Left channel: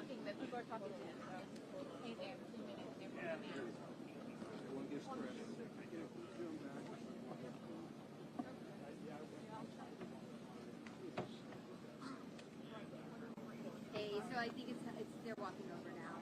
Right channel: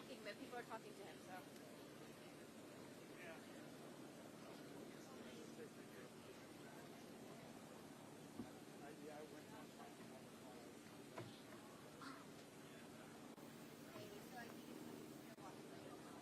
talking, but people are talking to him, so. Hey there, 2 minutes there. Hey, so I think it's they're walking over now.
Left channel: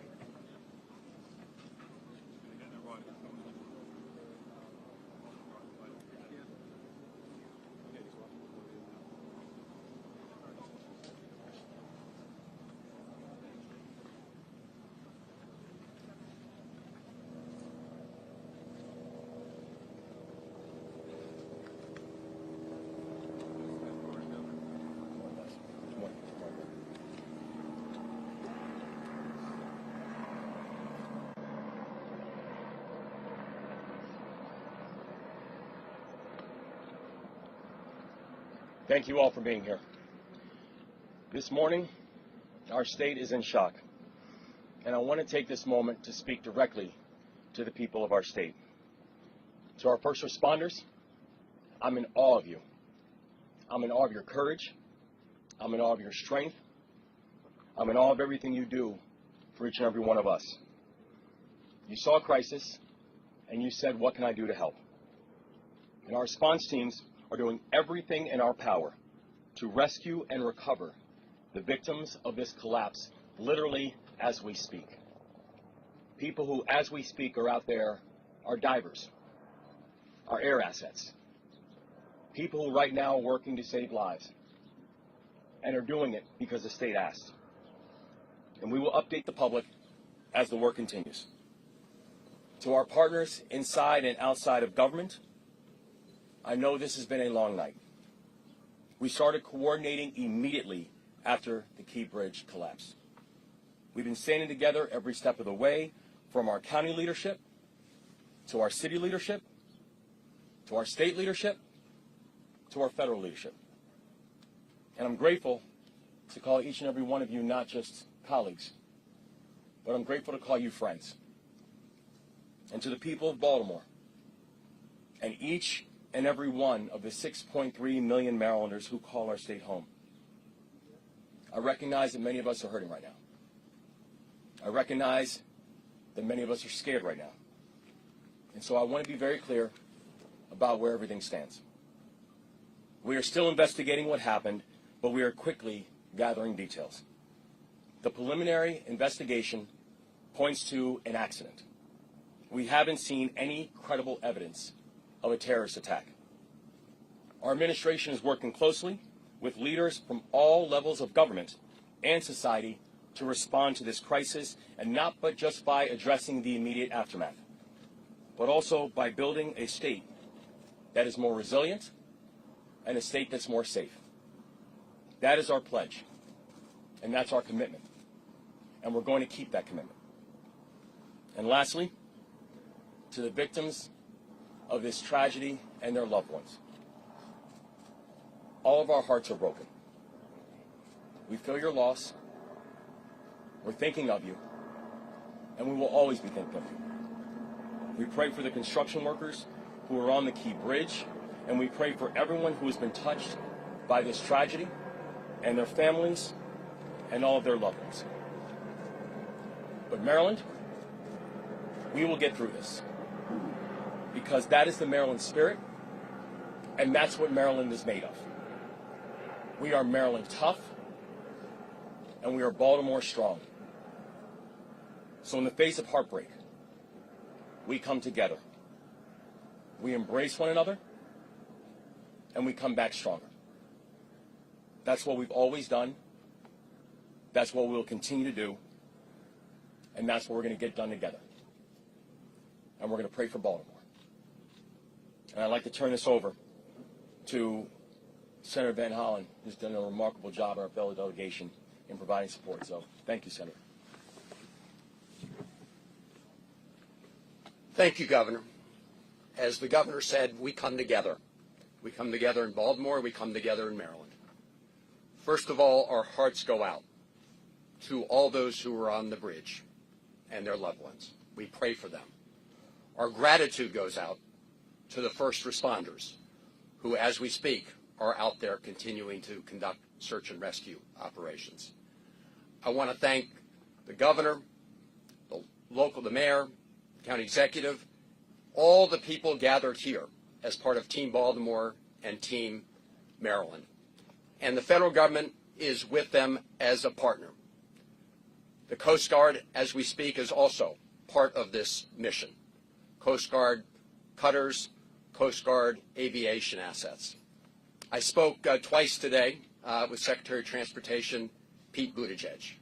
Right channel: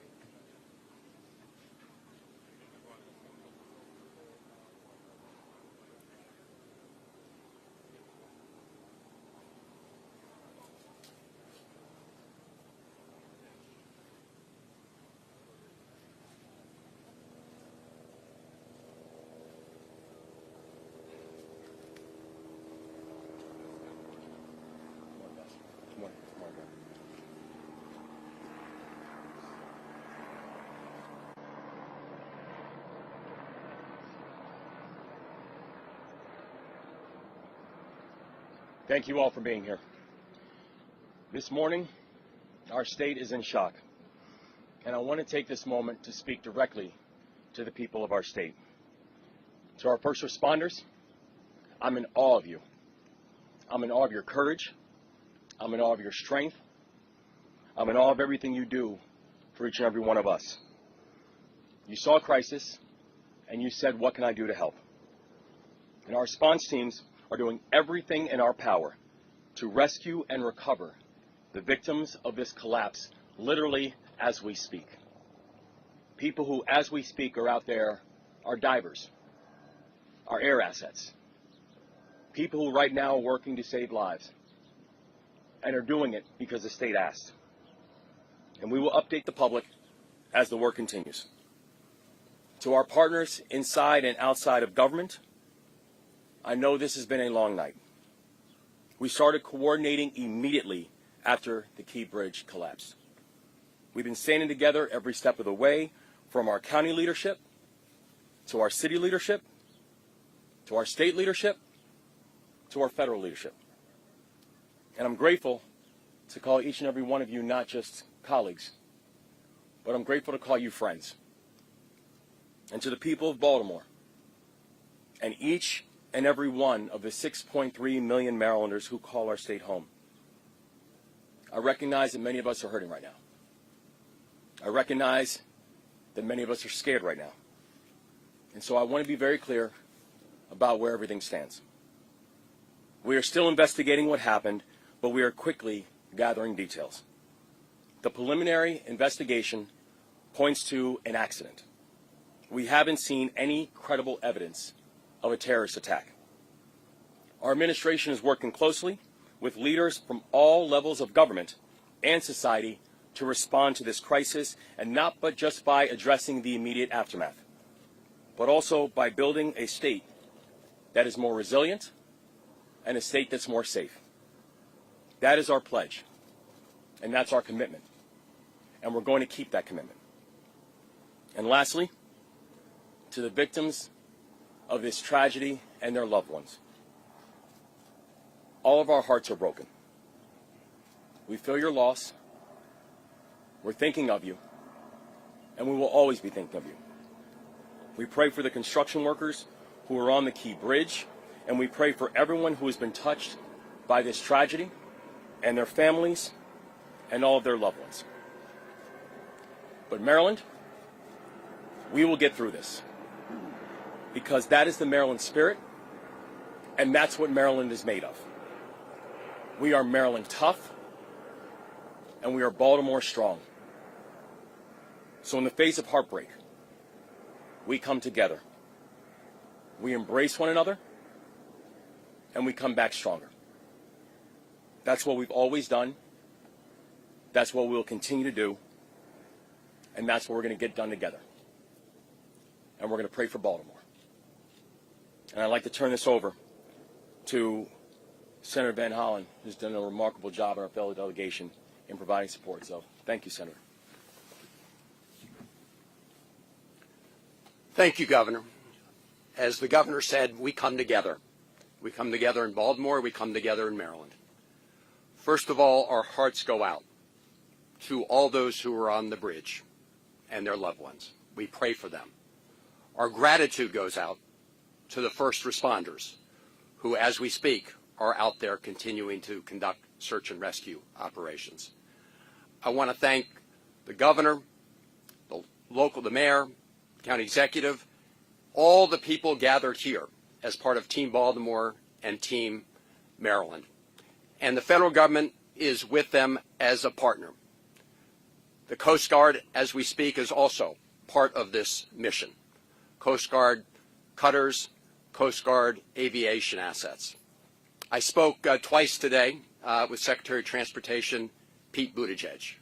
Thank you all for being here. This morning, our state is in shock, and I want to take this moment to speak directly to the people of our state. To our first responders, I'm in awe of you. I'm in awe of your courage. I'm in awe of your strength. I'm in awe of everything you do for each and every one of us. You saw a crisis, and you said, what can I do to help? And our response teams are doing everything in our power to rescue and recover the victims of this collapse, literally as we speak. People who, as we speak, are out there, are divers, are air assets, people who right now are working to save lives, and are doing it because the state asked. And we will update the public as the work continues. To our partners inside and outside of government, I know this has been a long night. We started coordinating immediately after the Key Bridge collapsed. We've been standing together every step of the way, from our county leadership, to our city leadership, to our state leadership, to our federal leadership. And I'm grateful to call each and every one of you not just colleagues, but I'm grateful to call you friends. And to the people of Baltimore, and each and every one of the 6.3 million Marylanders who call our state home. I recognize that many of us are hurting right now. I recognize that many of us are scared right now. And so I want to be very clear about where everything stands. We are still investigating what happened, but we are quickly gathering details. The preliminary investigation points to an accident. We haven't seen any credible evidence of a terrorist attack. Our administration is working closely with leaders from all levels of government and society to respond to this crisis, and not but just by addressing the immediate aftermath, but also by building a state that is more resilient and a state that's more safe. That is our pledge, and that's our commitment, and we're going to keep that commitment. And lastly, to the victims of this tragedy and their loved ones, all of our hearts are broken. We feel your loss. We're thinking of you, and we will always be thinking of you. We pray for the construction workers who are on the Key Bridge, and we pray for everyone who has been touched by this tragedy, and their families, and all of their loved ones. But Maryland, we will get through this, because that is the Maryland spirit, and that's what Maryland is made of. We are Maryland tough, and we are Baltimore strong. So in the face of heartbreak, we come together. We embrace one another, and we come back stronger. That's what we've always done. That's what we'll continue to do. And that's what we're going to get done together. And we're going to pray for Baltimore. And I'd like to turn this over to Senator Van Hollen, who's done a remarkable job in our fellow delegation in providing support. So thank you, Senator. Thank you, Governor. As the Governor said, we come together. We come together in Baltimore. We come together in Maryland. First of all, our hearts go out to all those who are on the bridge and their loved ones. We pray for them. Our gratitude goes out to the first responders who, as we speak, are out there continuing to conduct search and rescue operations. I want to thank the governor, the mayor, county executive, all the people gathered here as part of Team Baltimore and Team Maryland. And the federal government is with them as a partner. The Coast Guard, as we speak, is also part of this mission. Coast Guard cutters, Coast Guard aviation assets. I spoke twice today with Secretary of Transportation Pete Buttigieg.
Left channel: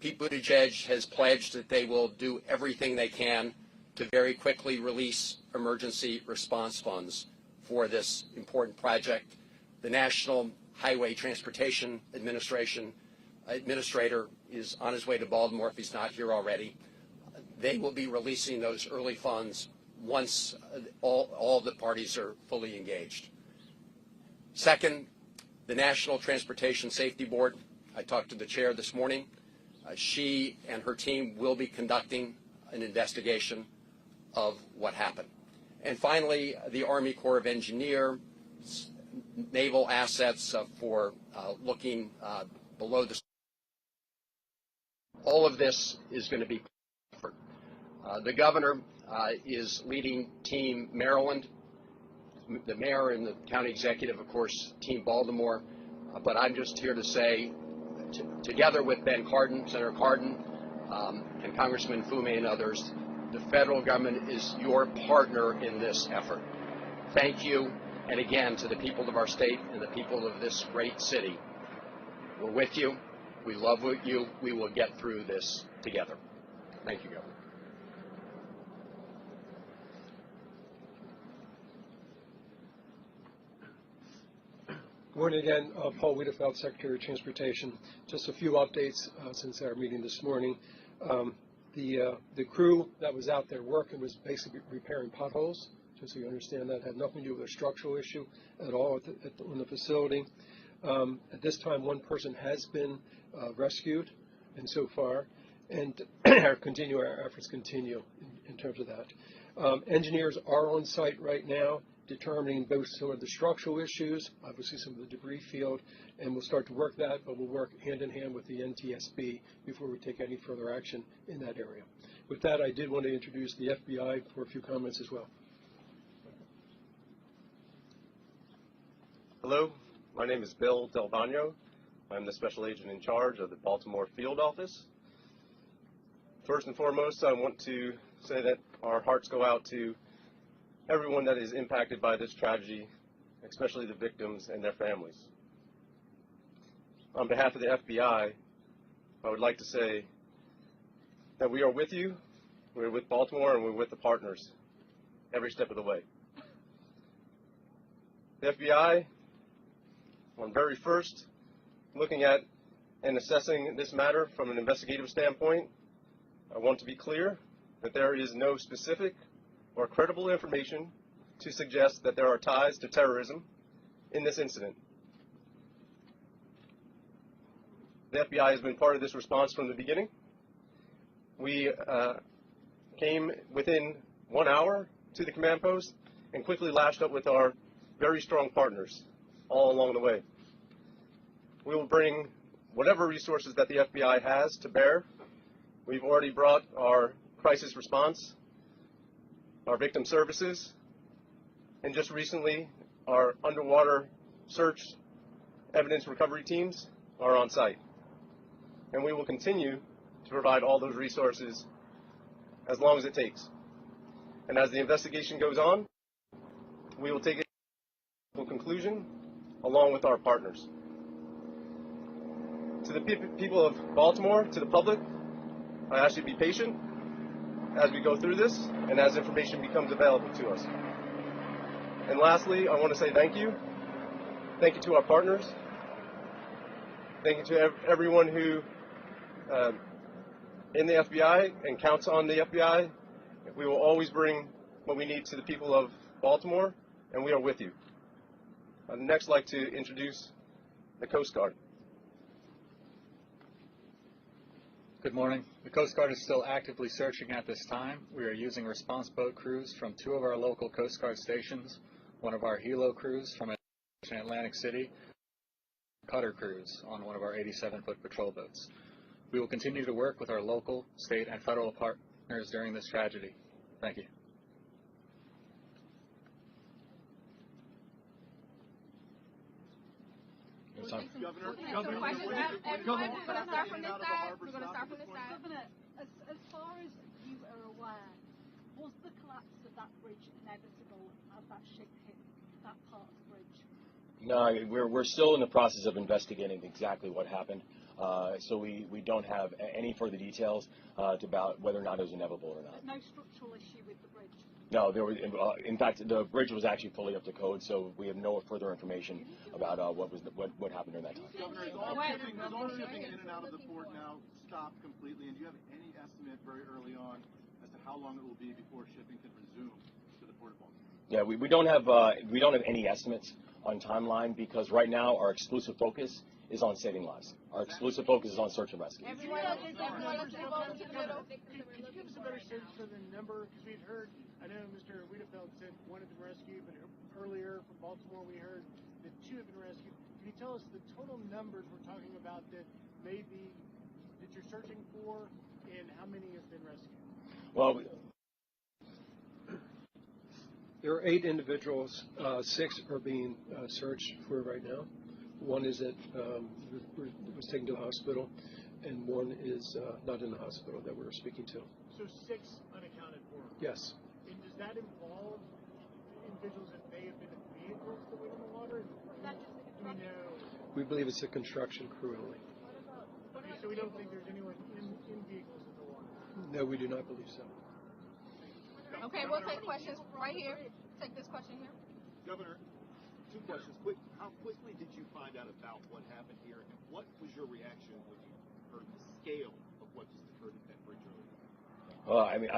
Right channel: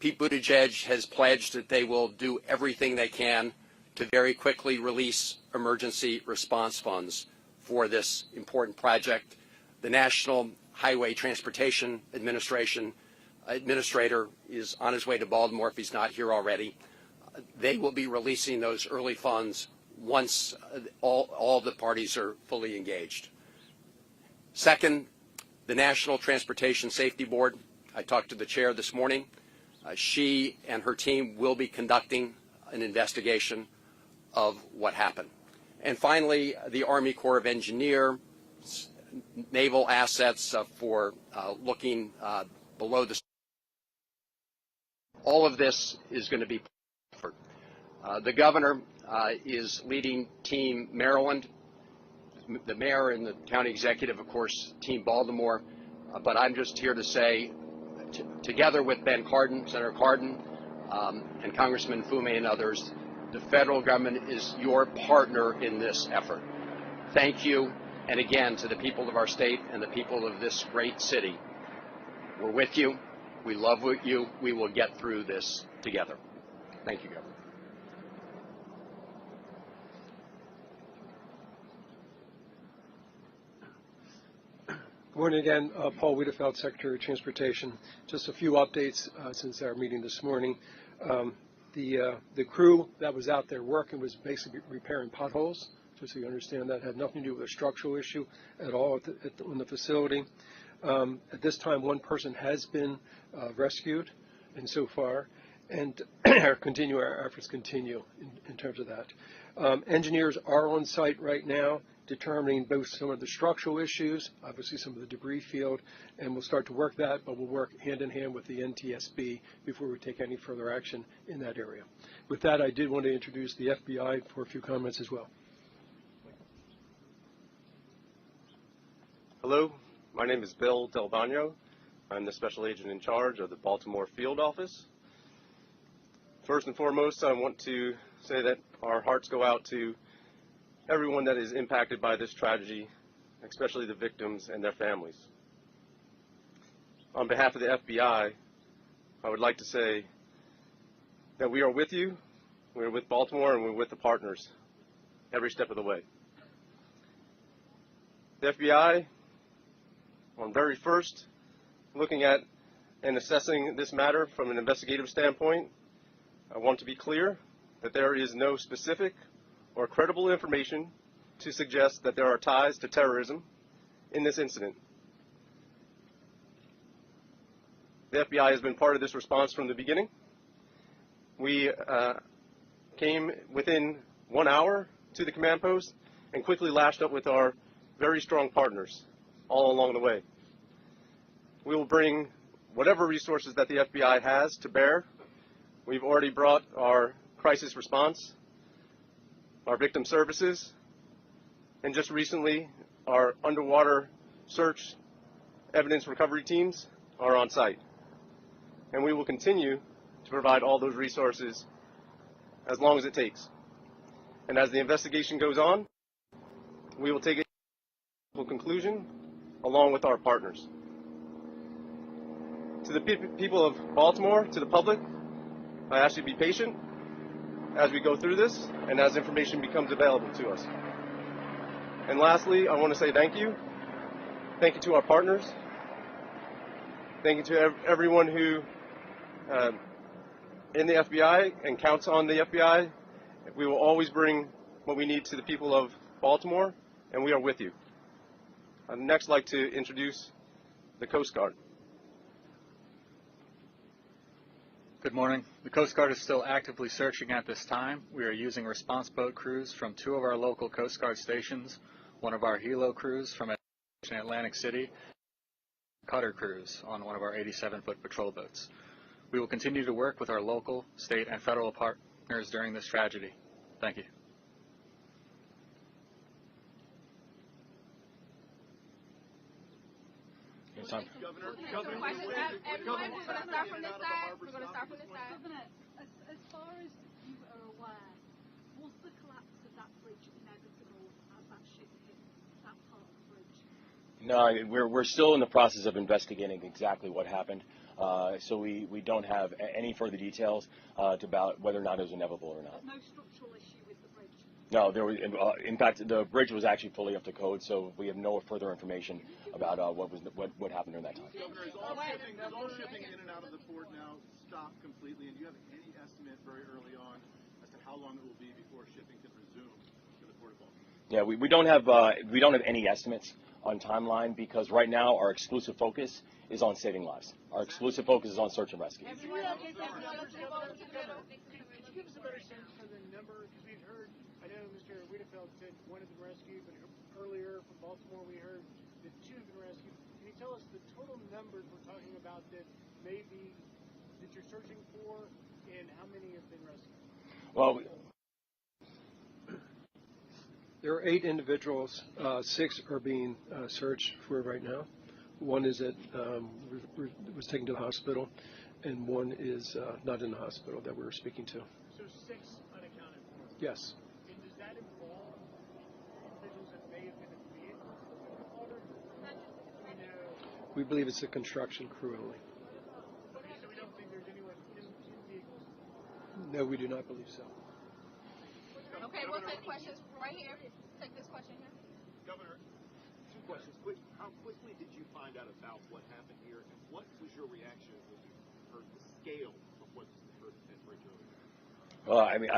Pete Buttigieg has pledged that they will do everything they can to very quickly release emergency response funds for this important project. The National Highway Transportation Administrator is on his way to Baltimore if he's not here already. They will be releasing those early funds once all the parties are fully engaged. Second, the National Transportation Safety Board. I talked to the chair this morning. She and her team will be conducting an investigation of what happened. And finally, the Army Corps of Engineers, naval assets for looking below the. All of this is going to be. The governor is leading Team Maryland. The mayor and the county executive, of course, Team Baltimore. But I'm just here to say, together with Ben Cardin, Senator Cardin, and Congressman Fume and others, the federal government is your partner in this effort. Thank you. And again, to the people of our state and the people of this great city, we're with you. We love you. We will get through this together. Thank you, Governor. Good morning again. Paul Wiedefeld, Secretary of Transportation. Just a few updates since our meeting this morning. The crew that was out there working was basically repairing potholes, just so you understand that. Had nothing to do with a structural issue at all in the facility. At this time, one person has been rescued, and so far, and our efforts continue in terms of that. Engineers are on site right now, determining both some of the structural issues, obviously some of the debris field, and we'll start to work that, but we'll work hand in hand with the NTSB before we take any further action in that area. With that, I did want to introduce the FBI for a few comments as well. Hello, my name is Bill Del Bagno. I'm the special agent in charge of the Baltimore field office. First and foremost, I want to say that our hearts go out to everyone that is impacted by this tragedy, especially the victims and their families. On behalf of the FBI, I would like to say that we are with you, we're with Baltimore, and we're with the partners every step of the way. The FBI, on very first, looking at and assessing this matter from an investigative standpoint, I want to be clear that there is no specific or credible information to suggest that there are ties to terrorism in this incident. The FBI has been part of this response from the beginning. We came within 1 hour to the command post and quickly lashed up with our very strong partners all along the way. We will bring whatever resources that the FBI has to bear. We've already brought our crisis response, our victim services, and just recently our underwater search evidence recovery teams are on site. And we will continue to provide all those resources as long as it takes. And as the investigation goes on, we will take it to a conclusion along with our partners. To the people of Baltimore, to the public, I ask you to be patient as we go through this and as information becomes available to us. And lastly, I want to say thank you. Thank you to our partners. Thank you to everyone who in the FBI and counts on the FBI. We will always bring what we need to the people of Baltimore, and we are with you. I'd next like to introduce the Coast Guard. Good morning. The Coast Guard is still actively searching at this time. We are using response boat crews from 2 of our local Coast Guard stations, one of our helo crews from Atlantic City, cutter crews on one of our 87-foot patrol boats. We will continue to work with our local, state, and federal partners during this tragedy. Thank you. Governor, you say all traffic in and out of the harbor stopped at this point? Governor, as far as you are aware, was the collapse of that bridge inevitable as that ship hit that part of the bridge? No, we're still in the process of investigating exactly what happened. So we don't have any further details about whether or not it was inevitable or not. But no structural issue with the bridge? No, there was, in fact, the bridge was actually fully up to code, so we have no further information about what happened during that time. Governor, is all shipping in and out of the port now stopped completely? And do you have any estimate very early on as to how long it will be before shipping can resume to the port of Baltimore? Yeah, we don't have any estimates on timeline because right now our exclusive focus is on saving lives. Our exclusive focus is on search and rescue. Could you update those numbers, Governor? Could you give us a better sense for the number? Because we've heard, I know Mr. Wiedefeld said one had been rescued, but earlier from Baltimore we heard that two have been rescued. Can you tell us the total numbers we're talking about that maybe that you're searching for, and how many have been rescued? Well, There are 8 individuals. 6 are being searched for right now. One is was taken to the hospital, and one is not in the hospital that we're speaking to. So 6 unaccounted for? Yes. And does that involve individuals that may have been in vehicles that went in the water? Do we know? We believe it's a construction crew. Okay, so we don't think there's anyone in vehicles in the water? No, we do not believe so. Okay, we'll take questions right here. Take this question here. Governor, 2 questions. How quickly did you find out about what happened here? What was your reaction or the scale of what well, I mean,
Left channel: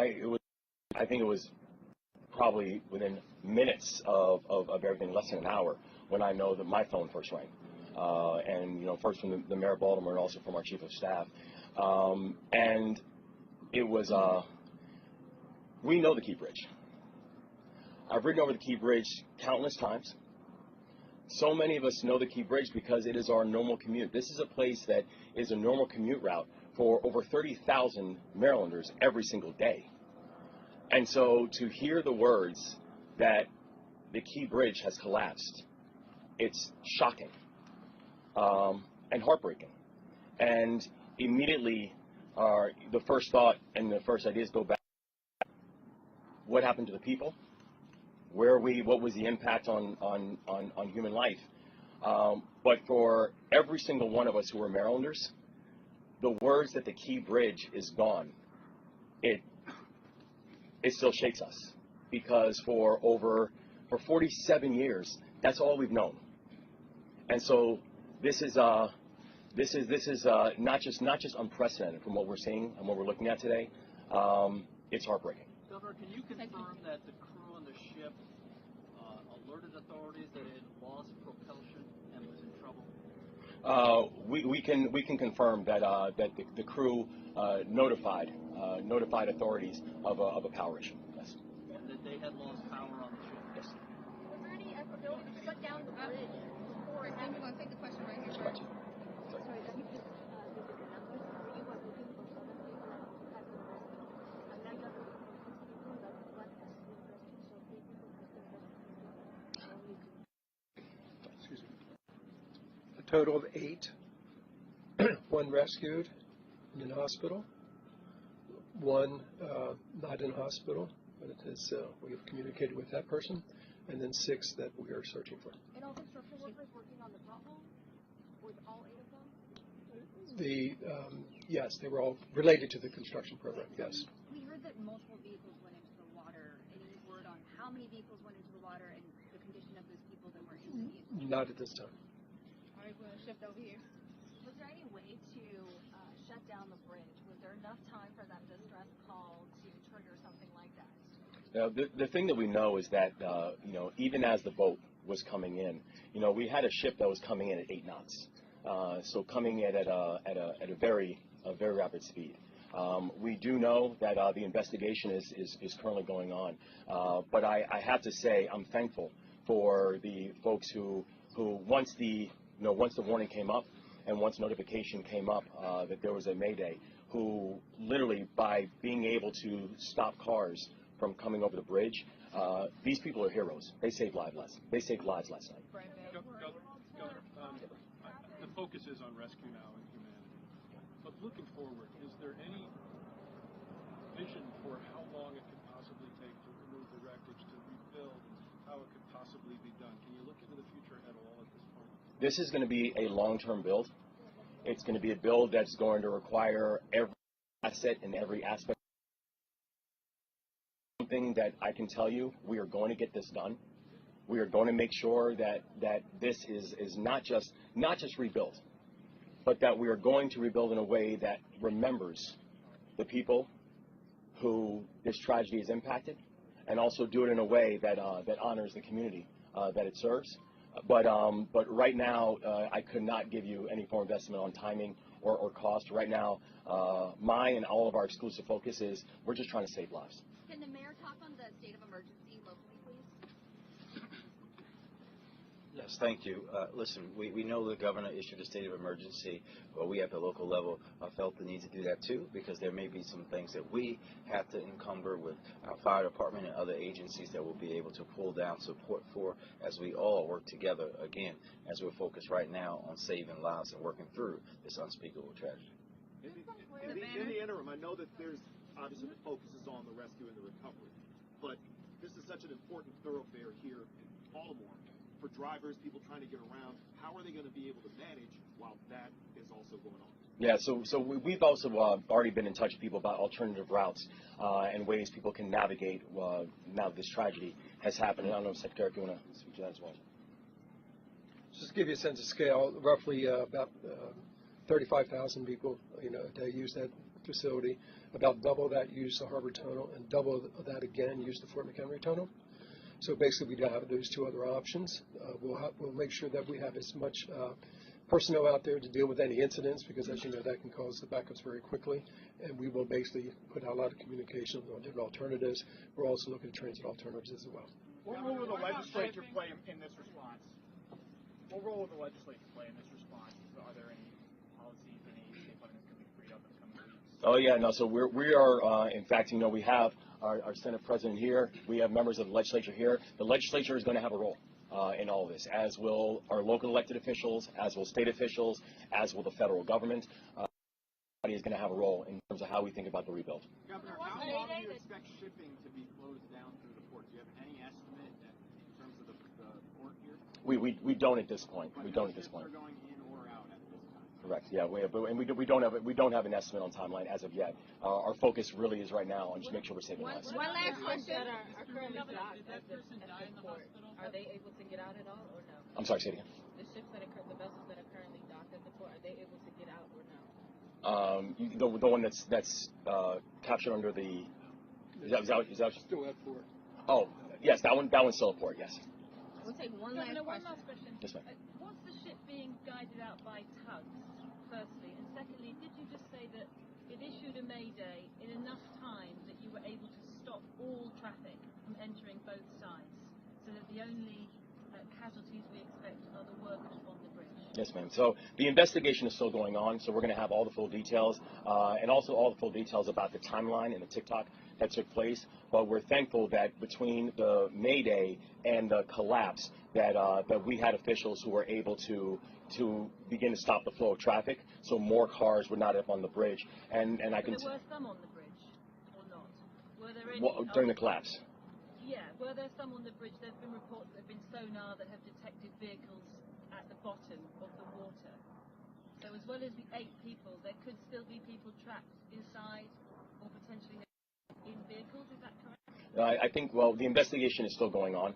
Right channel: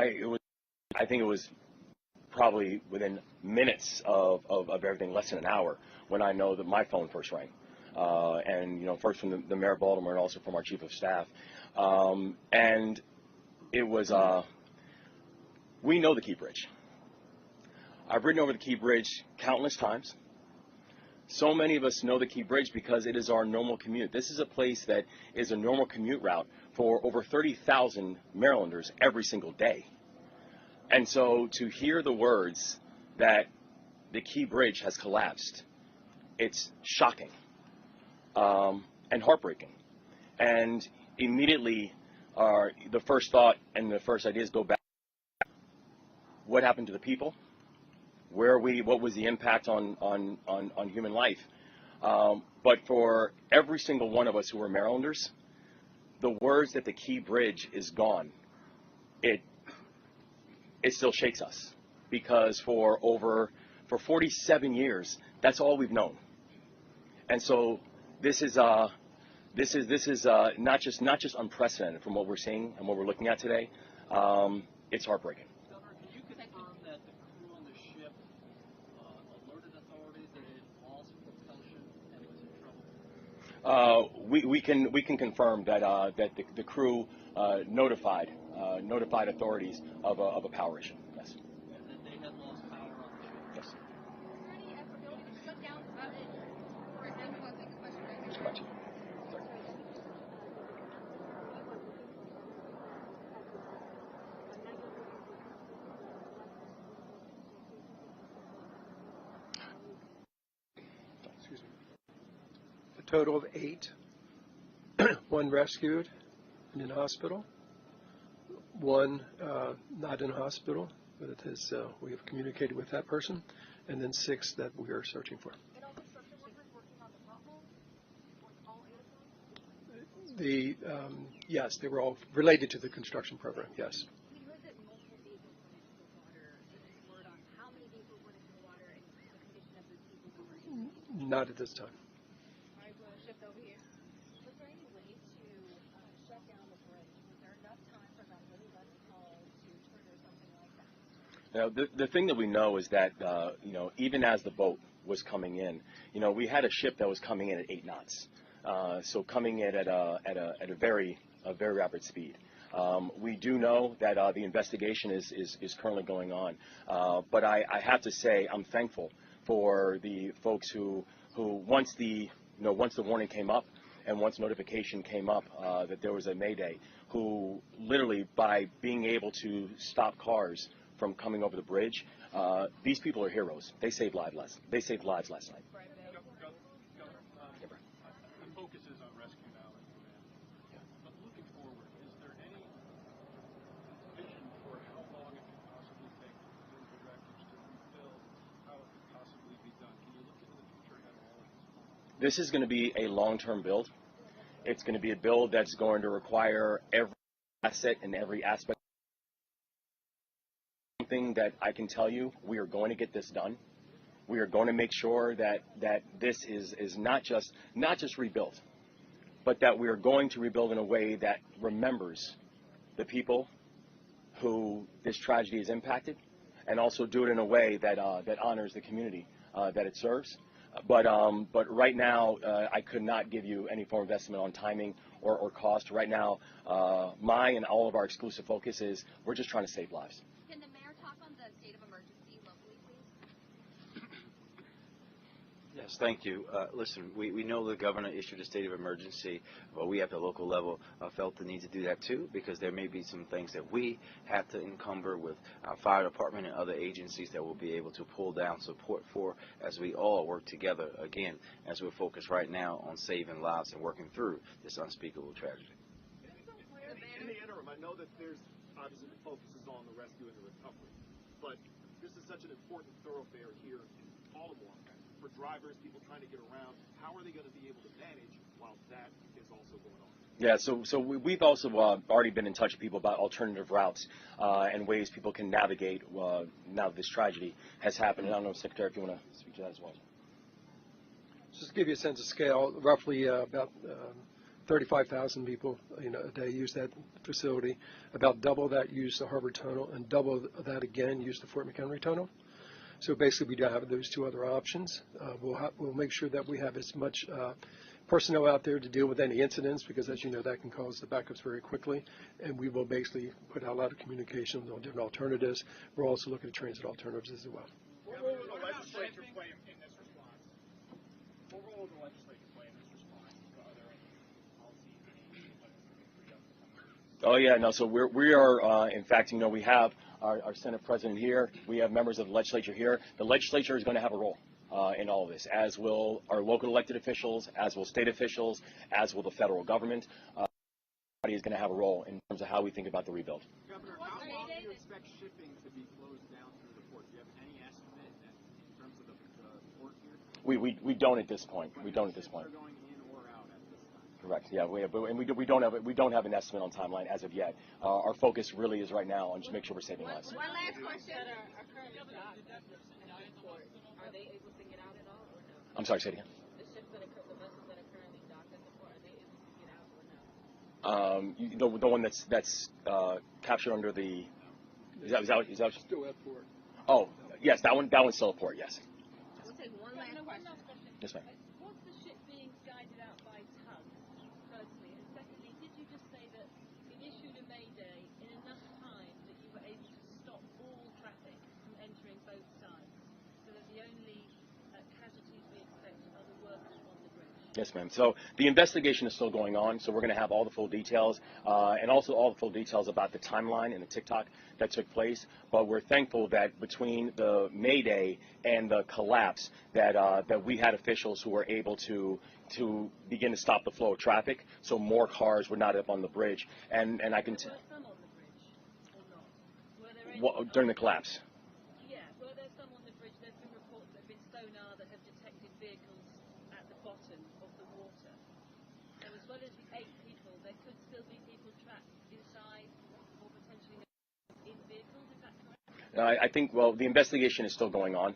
I think it was probably within minutes of everything, less than an hour, when I know that my phone first rang. And, first from the mayor of Baltimore and also from our chief of staff. And it was, we know the Key Bridge. I've ridden over the Key Bridge countless times. So many of us know the Key Bridge because it is our normal commute. This is a place that is a normal commute route for over 30,000 Marylanders every single day. And so to hear the words that the Key Bridge has collapsed, it's shocking and heartbreaking. And immediately the first thought and the first ideas go back. What happened to the people? Where are we? What was the impact on human life? But for every single one of us who are Marylanders, the words that the Key Bridge is gone, it still shakes us because for 47 years, that's all we've known. And so this is not just unprecedented from what we're seeing and what we're looking at today. It's heartbreaking. Governor, can you confirm that the crew on the ship alerted authorities that it had lost propulsion and was in trouble? We can confirm that the crew notified authorities of a power issue. Yes. And that they had lost power on the ship? Yes. Was there any ability to shut down the bridge before? I'm going to take the question right here. A total of 8. 1 rescued and in hospital. 1 not in hospital, but it is, we have communicated with that person. And then 6 that we are searching for. Yes, they were all related to the construction program, yes. We heard that multiple vehicles went into the water. Any word on how many vehicles went into the water and the condition of those people that were in the Not at this time. All right, we're going to shift over here. Was there any way to shut down the bridge? Was there enough time for that distress call to trigger something like that? Now, the thing that we know is that even as the boat was coming in, we had a ship that was coming in at 8 knots, so coming in at a very rapid speed. We do know that the investigation is currently going on, but I have to say I'm thankful for the folks who once the warning came up and once notification came up that there was a Mayday, who literally, by being able to stop cars from coming over the bridge, these people are heroes. They saved lives last night. The focus is on rescue now and humanity. But looking forward, is there any vision for how long it could possibly take to remove the wreckage, to rebuild, how it could possibly be done? Can you look into the future at all at this point? This is going to be a long-term build. It's going to be a build that's going to require every asset and every aspect. Something that I can tell you, we are going to get this done. We are going to make sure that this is not just rebuilt, but that we are going to rebuild in a way that remembers the people who this tragedy has impacted, and also do it in a way that honors the community that it serves. But right now, I could not give you any form of estimate on timing or cost. Right now, my and all of our exclusive focus is we're just trying to save lives. Yes, thank you. Listen, we know the governor issued a state of emergency, but we at the local level felt the need to do that too, because there may be some things that we have to encumber with our fire department and other agencies that we'll be able to pull down support for as we all work together, again, as we're focused right now on saving lives and working through this unspeakable tragedy. In the interim, I know that there's obviously the focus is on the rescue and the recovery, but this is such an important thoroughfare here in Baltimore. For drivers, people trying to get around, how are they going to be able to manage while that is also going on? Yeah, so we've also already been in touch with people about alternative routes and ways people can navigate now that this tragedy has happened. And I don't know, Secretary, if you want to speak to that as well. Just to give you a sense of scale, roughly about 35,000 people, a day use that facility. About double that use the Harbor Tunnel, and double that again use the Fort McHenry Tunnel. So basically, we do have those two other options. We'll make sure that we have as much personnel out there to deal with any incidents, because as you know, that can cause the backups very quickly. And we will basically put out a lot of communication on different alternatives. We're also looking at transit alternatives as well. What role will the legislature play in this response? What role will the legislature play in this response? Are there any policies, any funding that's going to be freed up in the coming weeks? Oh yeah, no. So we are in fact, we have our Senate President here. We have members of the legislature here. The legislature is going to have a role in all of this, as will our local elected officials, as will state officials, as will the federal government. Everybody is going to have a role in terms of how we think about the rebuild. Governor, how long do you expect shipping to be closed down through the port? Do you have any estimate in terms of the port here? We don't at this point. We don't at this point. Are going in or out at this time? Correct. Yeah, we don't have an estimate on timeline as of yet. Our focus really is right now on just make sure we're saving lives. One last question. Are they able to get out at all or no? I'm sorry, say it again. The vessels that are currently docking, are they able to get out or no? The one that's captured under the is that Still at port. Oh yes, that one's still at port. Yes. We'll take one last question. Yes, ma'am. Was the ship being guided out by tugs, firstly? And secondly, did you just say that it issued a Mayday in enough time that you were able to stop all traffic from entering both sides, so that the only casualties we expected are the workers on the bridge? Yes, ma'am. So the investigation is still going on, so we're going to have all the full details and also all the full details about the timeline and the TikTok that took place. But we're thankful that between the Mayday and the collapse that we had officials who were able to begin to stop the flow of traffic, so more cars were not up on the bridge. And I can There were some on the bridge, or not? Were there any during the collapse. Yeah, were there some on the bridge? There's been reports that have been sonar that have detected vehicles at the bottom of the water. So as well as the 8 people, there could still be people trapped inside or potentially in vehicles, is that correct? I think, well, the investigation is still going on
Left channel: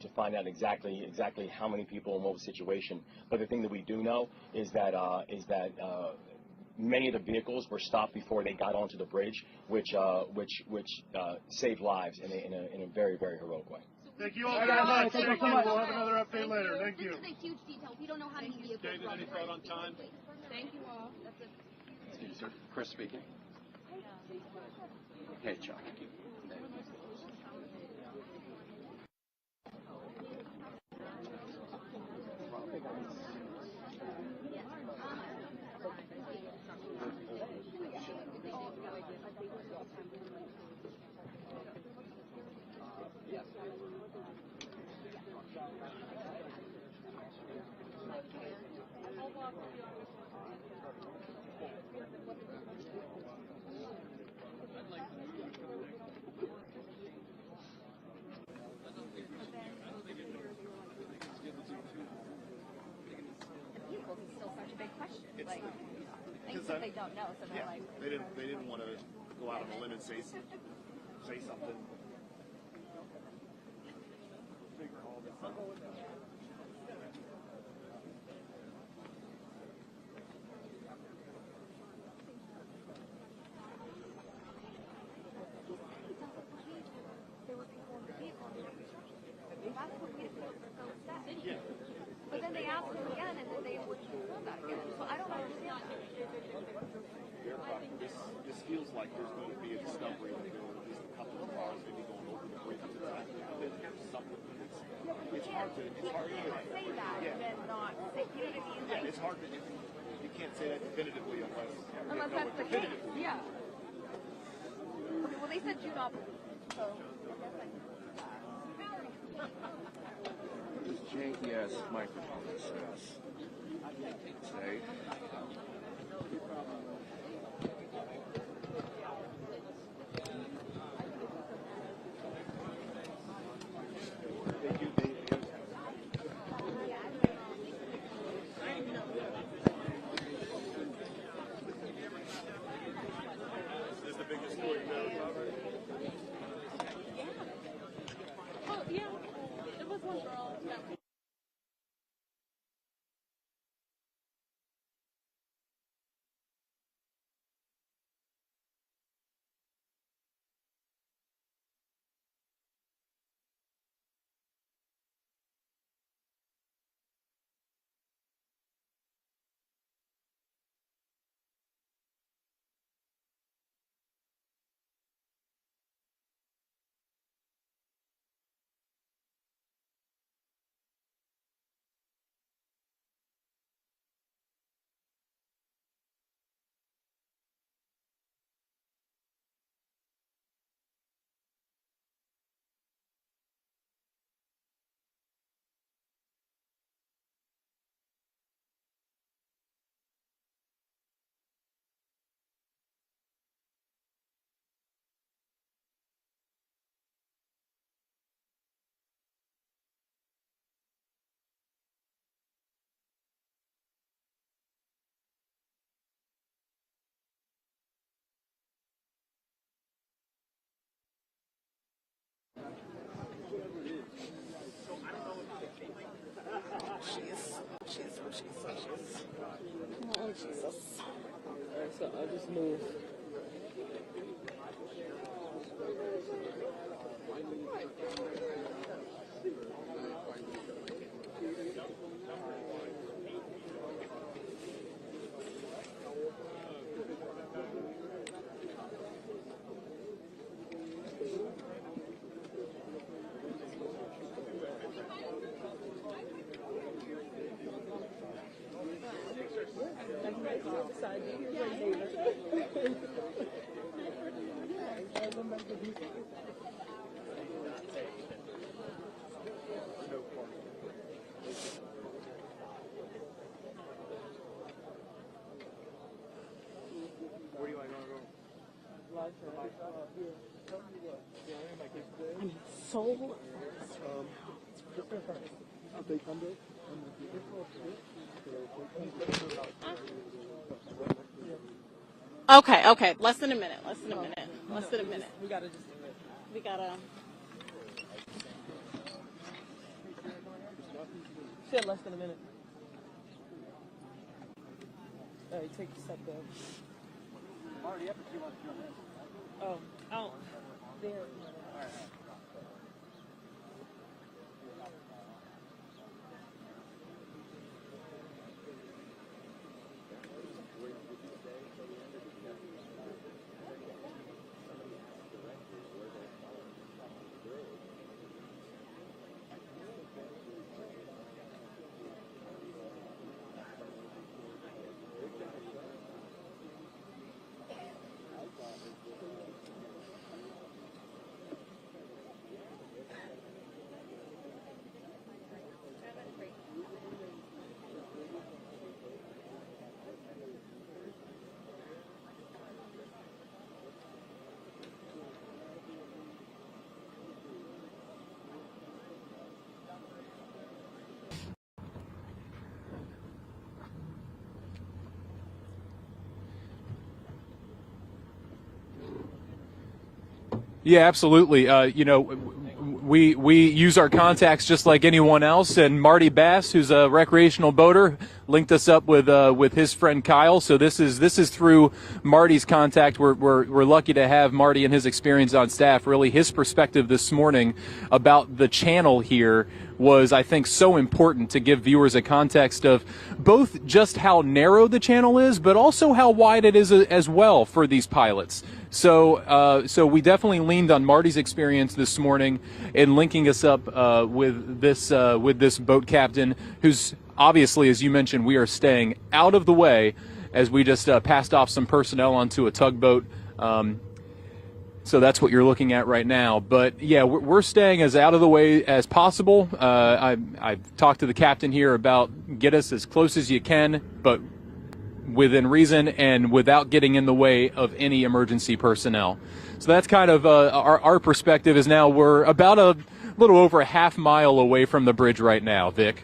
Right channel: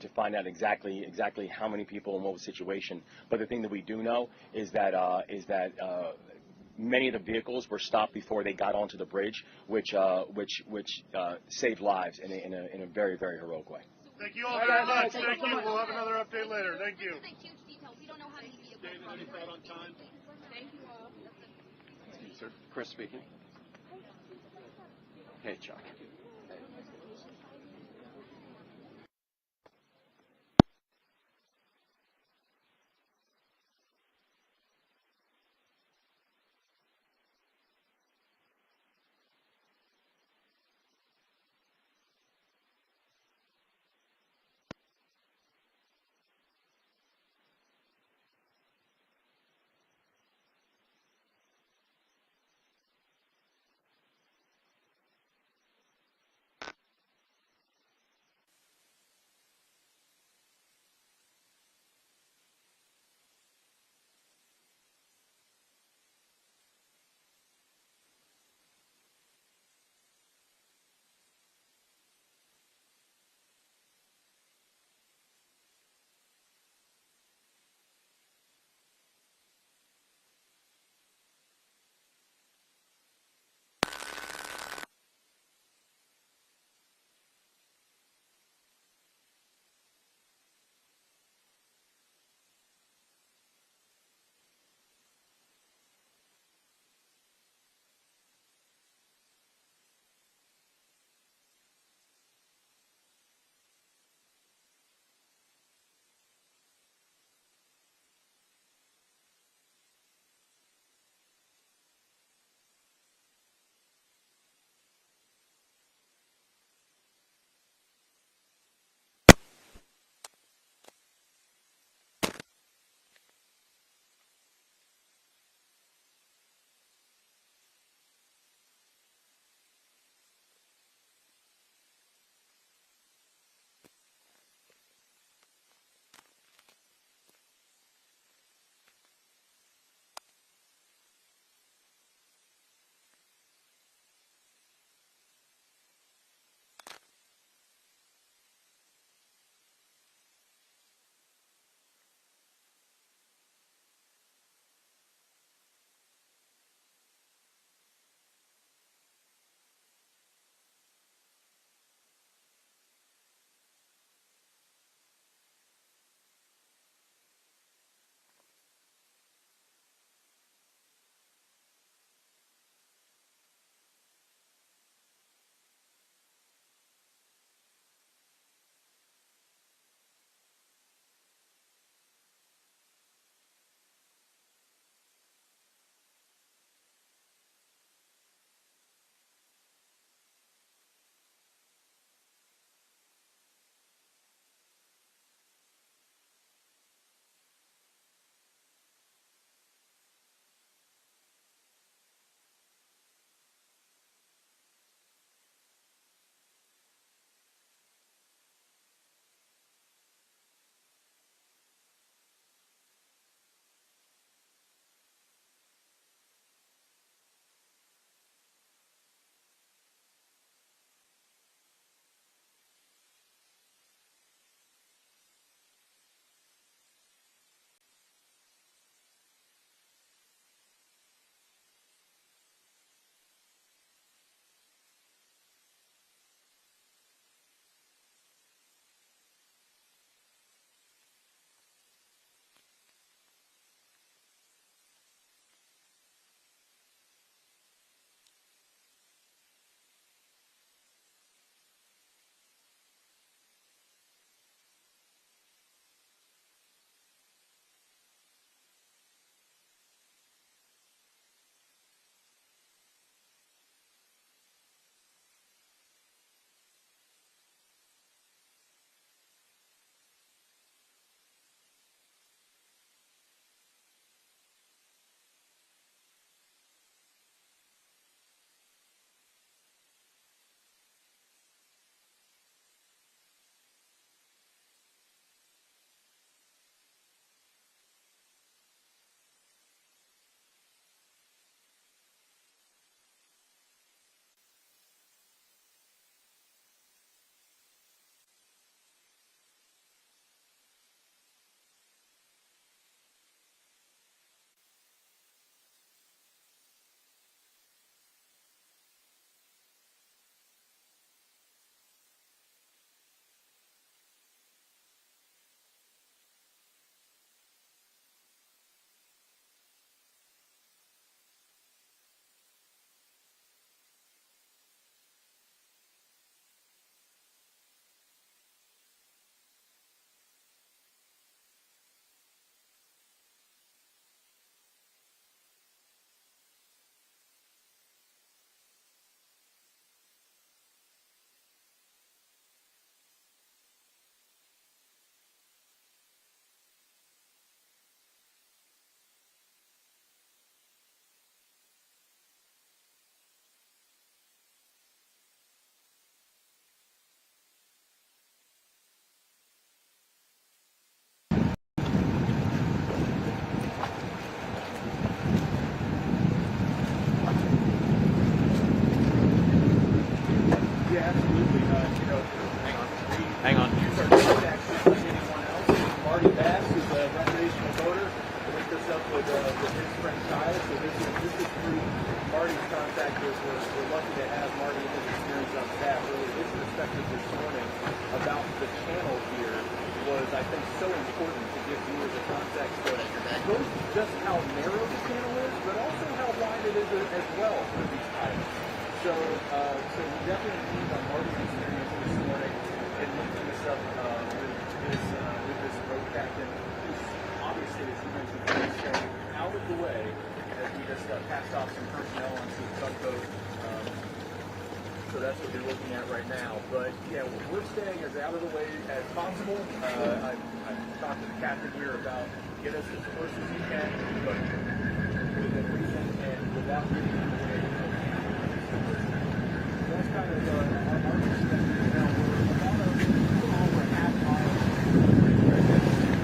to find out exactly how many people and what was the situation. But the thing that we do know is that many of the vehicles were stopped before they got onto the bridge, which saved lives in a very, very heroic way. Thank you all very much. Thank you. We'll have another update later. Thank you. This is a huge detail. We don't know how many vehicles. Any thought on time? Thank you all. Chris speaking. Hey, John. say something. But then they asked him again, and then they wouldn't do that again. So I don't understand that. This feels like there's going to be a discovery that there were at least a couple of cars maybe going over the bridge at the time. Something. It's hard to say that and then not say, you know what I mean? Yeah, it's hard to. You can't say that definitively unless That's the case. Yeah. Okay, well, they said do not believe. So this janky ass microphone says. Say. Oh, Jesus. Alright, so I'll just move. I'm so Okay, less than a minute. We gotta said less than a minute. Alright, take the step there. Oh, out there. Yeah, absolutely. We use our contacts just like anyone else, and Marty Bass, who's a recreational boater, linked us up with his friend Kyle. So this is through Marty's contact. We're lucky to have Marty and his experience on staff. Really, his perspective this morning about the channel here was, I think, so important to give viewers a context of both just how narrow the channel is, but also how wide it is as well for these pilots. So we definitely leaned on Marty's experience this morning in linking us up with this boat captain, who's obviously, as you mentioned, we are staying out of the way as we just passed off some personnel onto a tugboat. So that's what you're looking at right now. But yeah, we're staying as out of the way as possible. I talked to the captain here about get us as close as you can, but within reason and without getting in the way of any emergency personnel. So that's kind of our perspective is now we're about a little over a half mile away from the bridge right now, Vic.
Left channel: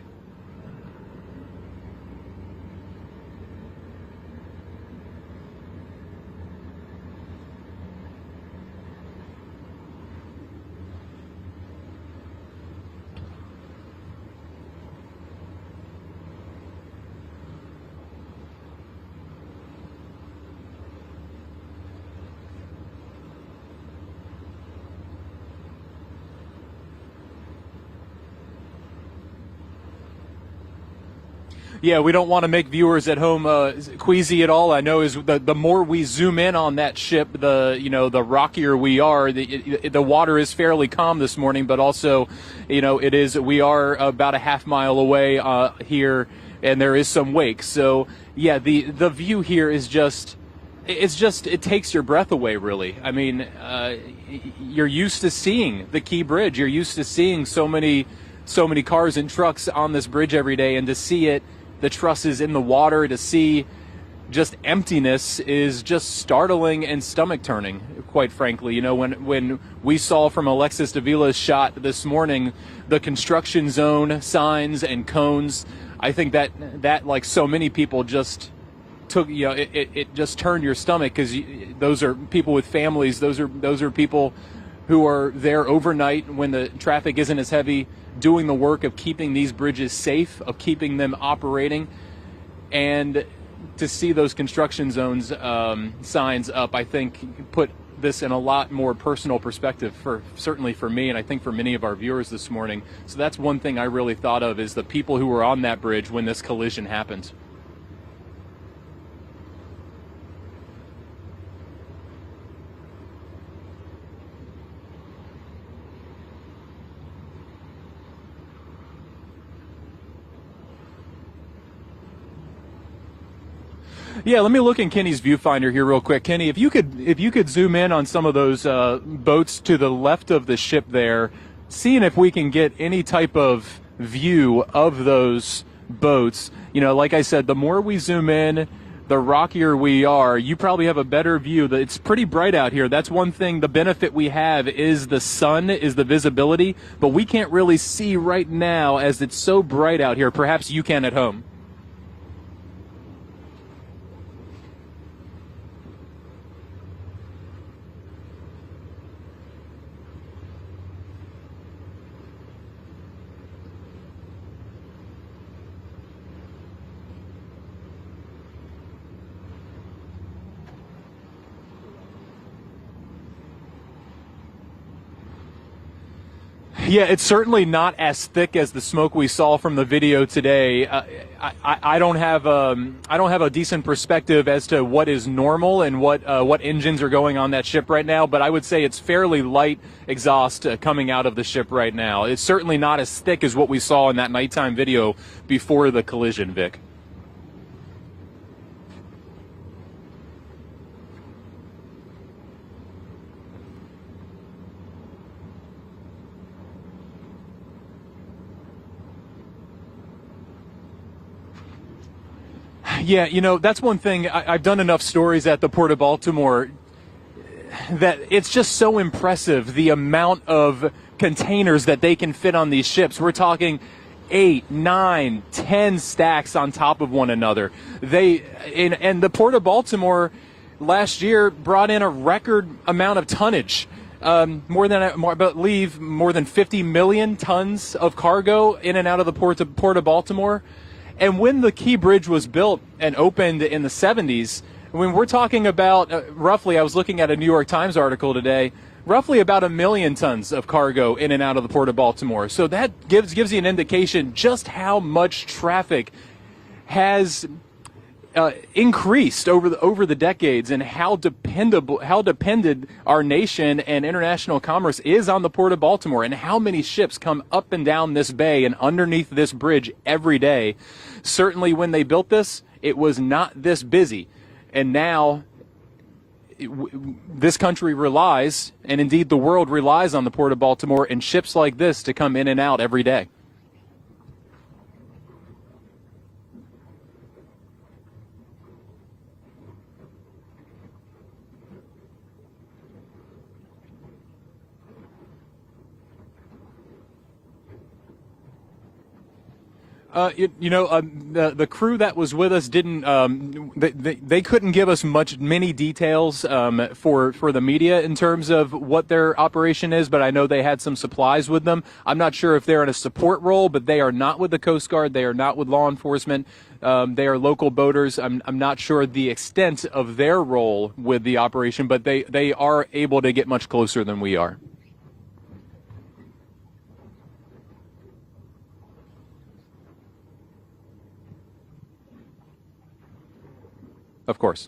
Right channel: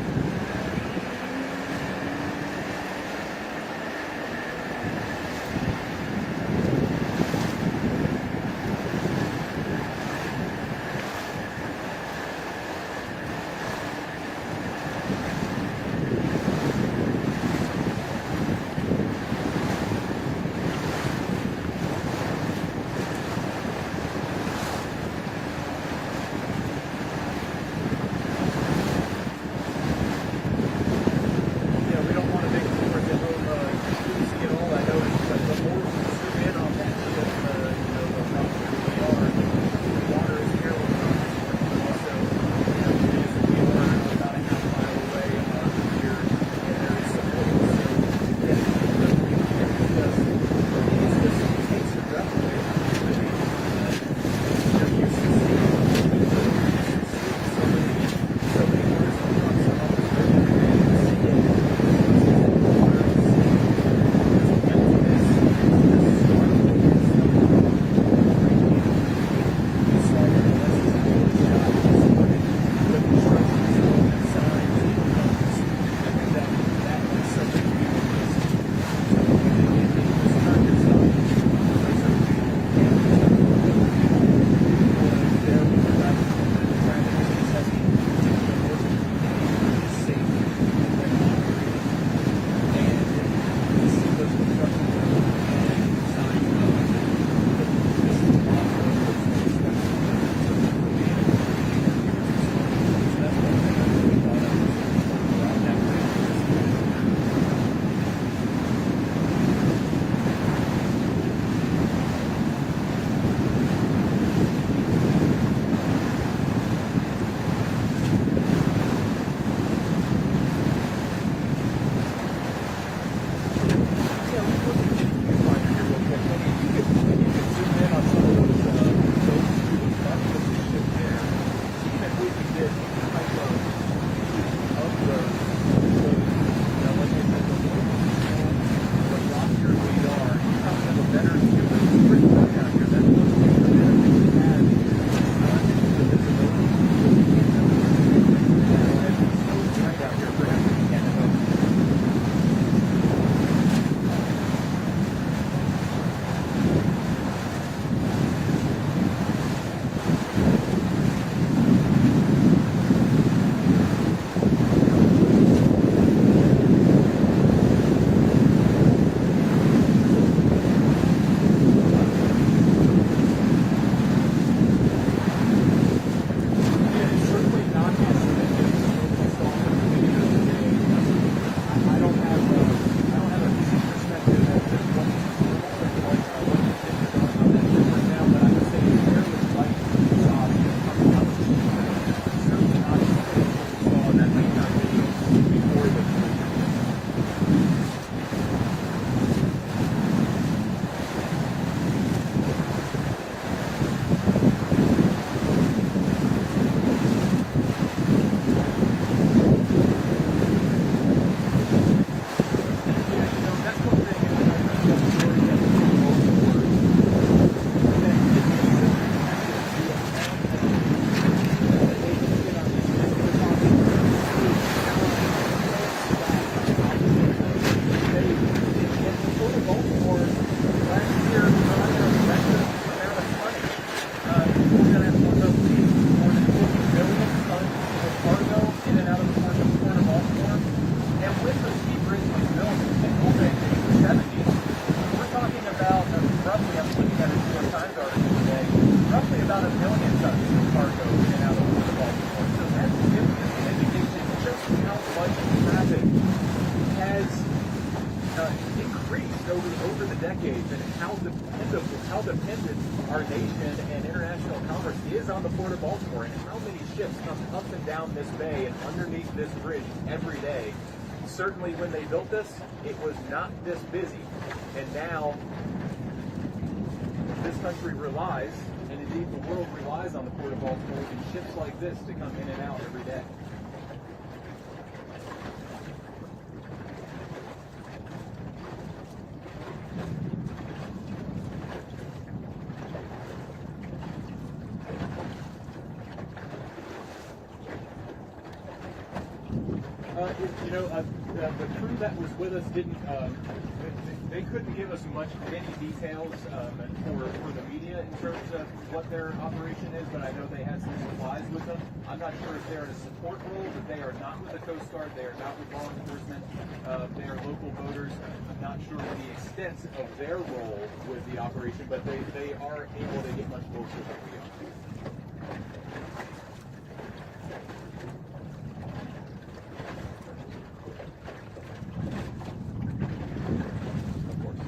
Yeah, we don't want to make viewers at home queasy at all. I know is the more we zoom in on that ship, the rockier we are. The water is fairly calm this morning, but also, we are about a half mile away here, and there is some wake. So yeah, the view here is it takes your breath away, really. I mean, you're used to seeing the Key Bridge. You're used to seeing so many cars and trucks on this bridge every day, and to see the trusses in the water, to see just emptiness is just startling and stomach turning, quite frankly. When we saw from Alexis Davila's shot this morning the construction zone signs and cones, I think that like so many people just took, it just turned your stomach, because those are people with families. Those are people who are there overnight when the traffic isn't as heavy, doing the work of keeping these bridges safe, of keeping them operating. And to see those construction zones signs up, I think, put this in a lot more personal perspective, certainly for me, and I think for many of our viewers this morning. So that's one thing I really thought of, is the people who were on that bridge when this collision happened. Yeah, let me look in Kenny's viewfinder here real quick. Kenny, if you could zoom in on some of those boats to the left of the ship there, seeing if we can get any type of view of those boats. Like I said, the more we zoom in, the rockier we are. You probably have a better view. It's pretty bright out here. That's one thing. The benefit we have is the sun, is the visibility, but we can't really see right now as it's so bright out here. Perhaps you can at home. Yeah, it's certainly not as thick as the smoke we saw from the video today. I don't have a decent perspective as to what is normal and what engines are going on that ship right now, but I would say it's fairly light exhaust coming out of the ship right now. It's certainly not as thick as what we saw in that nighttime video before the collision, Vic. Yeah, that's one thing. I've done enough stories at the Port of Baltimore that it's just so impressive, the amount of containers that they can fit on these ships. We're talking 8, 9, 10 stacks on top of one another. And the Port of Baltimore last year brought in a record amount of tonnage. I believe more than 50 million tons of cargo in and out of the port of Baltimore. And when the Key Bridge was built and opened in the 70s, when we're talking about roughly, I was looking at a New York Times article today, roughly about 1 million tons of cargo in and out of the port of Baltimore. So that gives you an indication just how much traffic has increased over the decades, and how dependent our nation and international commerce is on the port of Baltimore, and how many ships come up and down this bay and underneath this bridge every day. Certainly when they built this, it was not this busy, and now this country relies, and indeed the world relies, on the port of Baltimore and ships like this to come in and out every day. The crew that was with us didn't. They couldn't give us many details for the media in terms of what their operation is, but I know they had some supplies with them. I'm not sure if they're in a support role, but they are not with the Coast Guard. They are not with law enforcement. They are local boaters. I'm not sure the extent of their role with the operation, but they are able to get much closer than we are. Of course.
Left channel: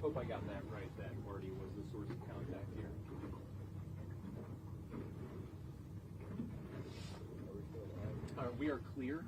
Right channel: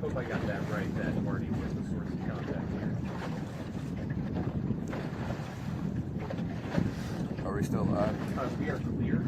Hope I got that right, that Marty was the source of contact here. Are we still live? We are clear.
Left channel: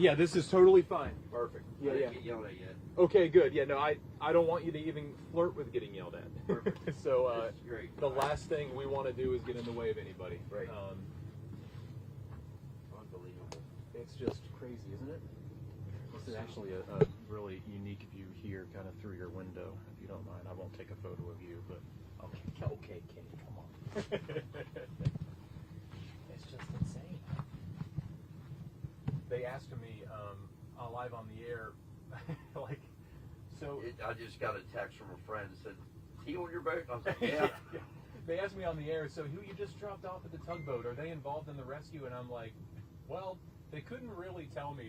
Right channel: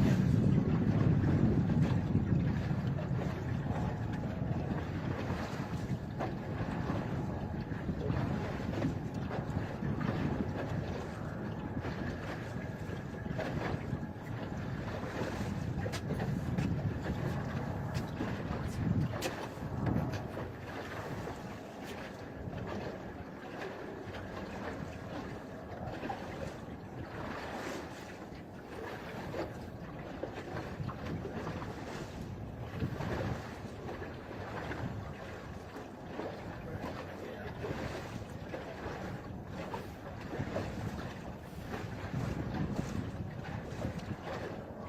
Yeah, this is totally fine. Yeah. Okay, good. Yeah, no, I don't want you to even flirt with getting yelled at. So the last thing we want to do is get in the way of anything right now. Yeah. They asked me on the air, so who you just dropped off the tugboat? Are they involved in the rescue? And I was like, well, they couldn't really tell me.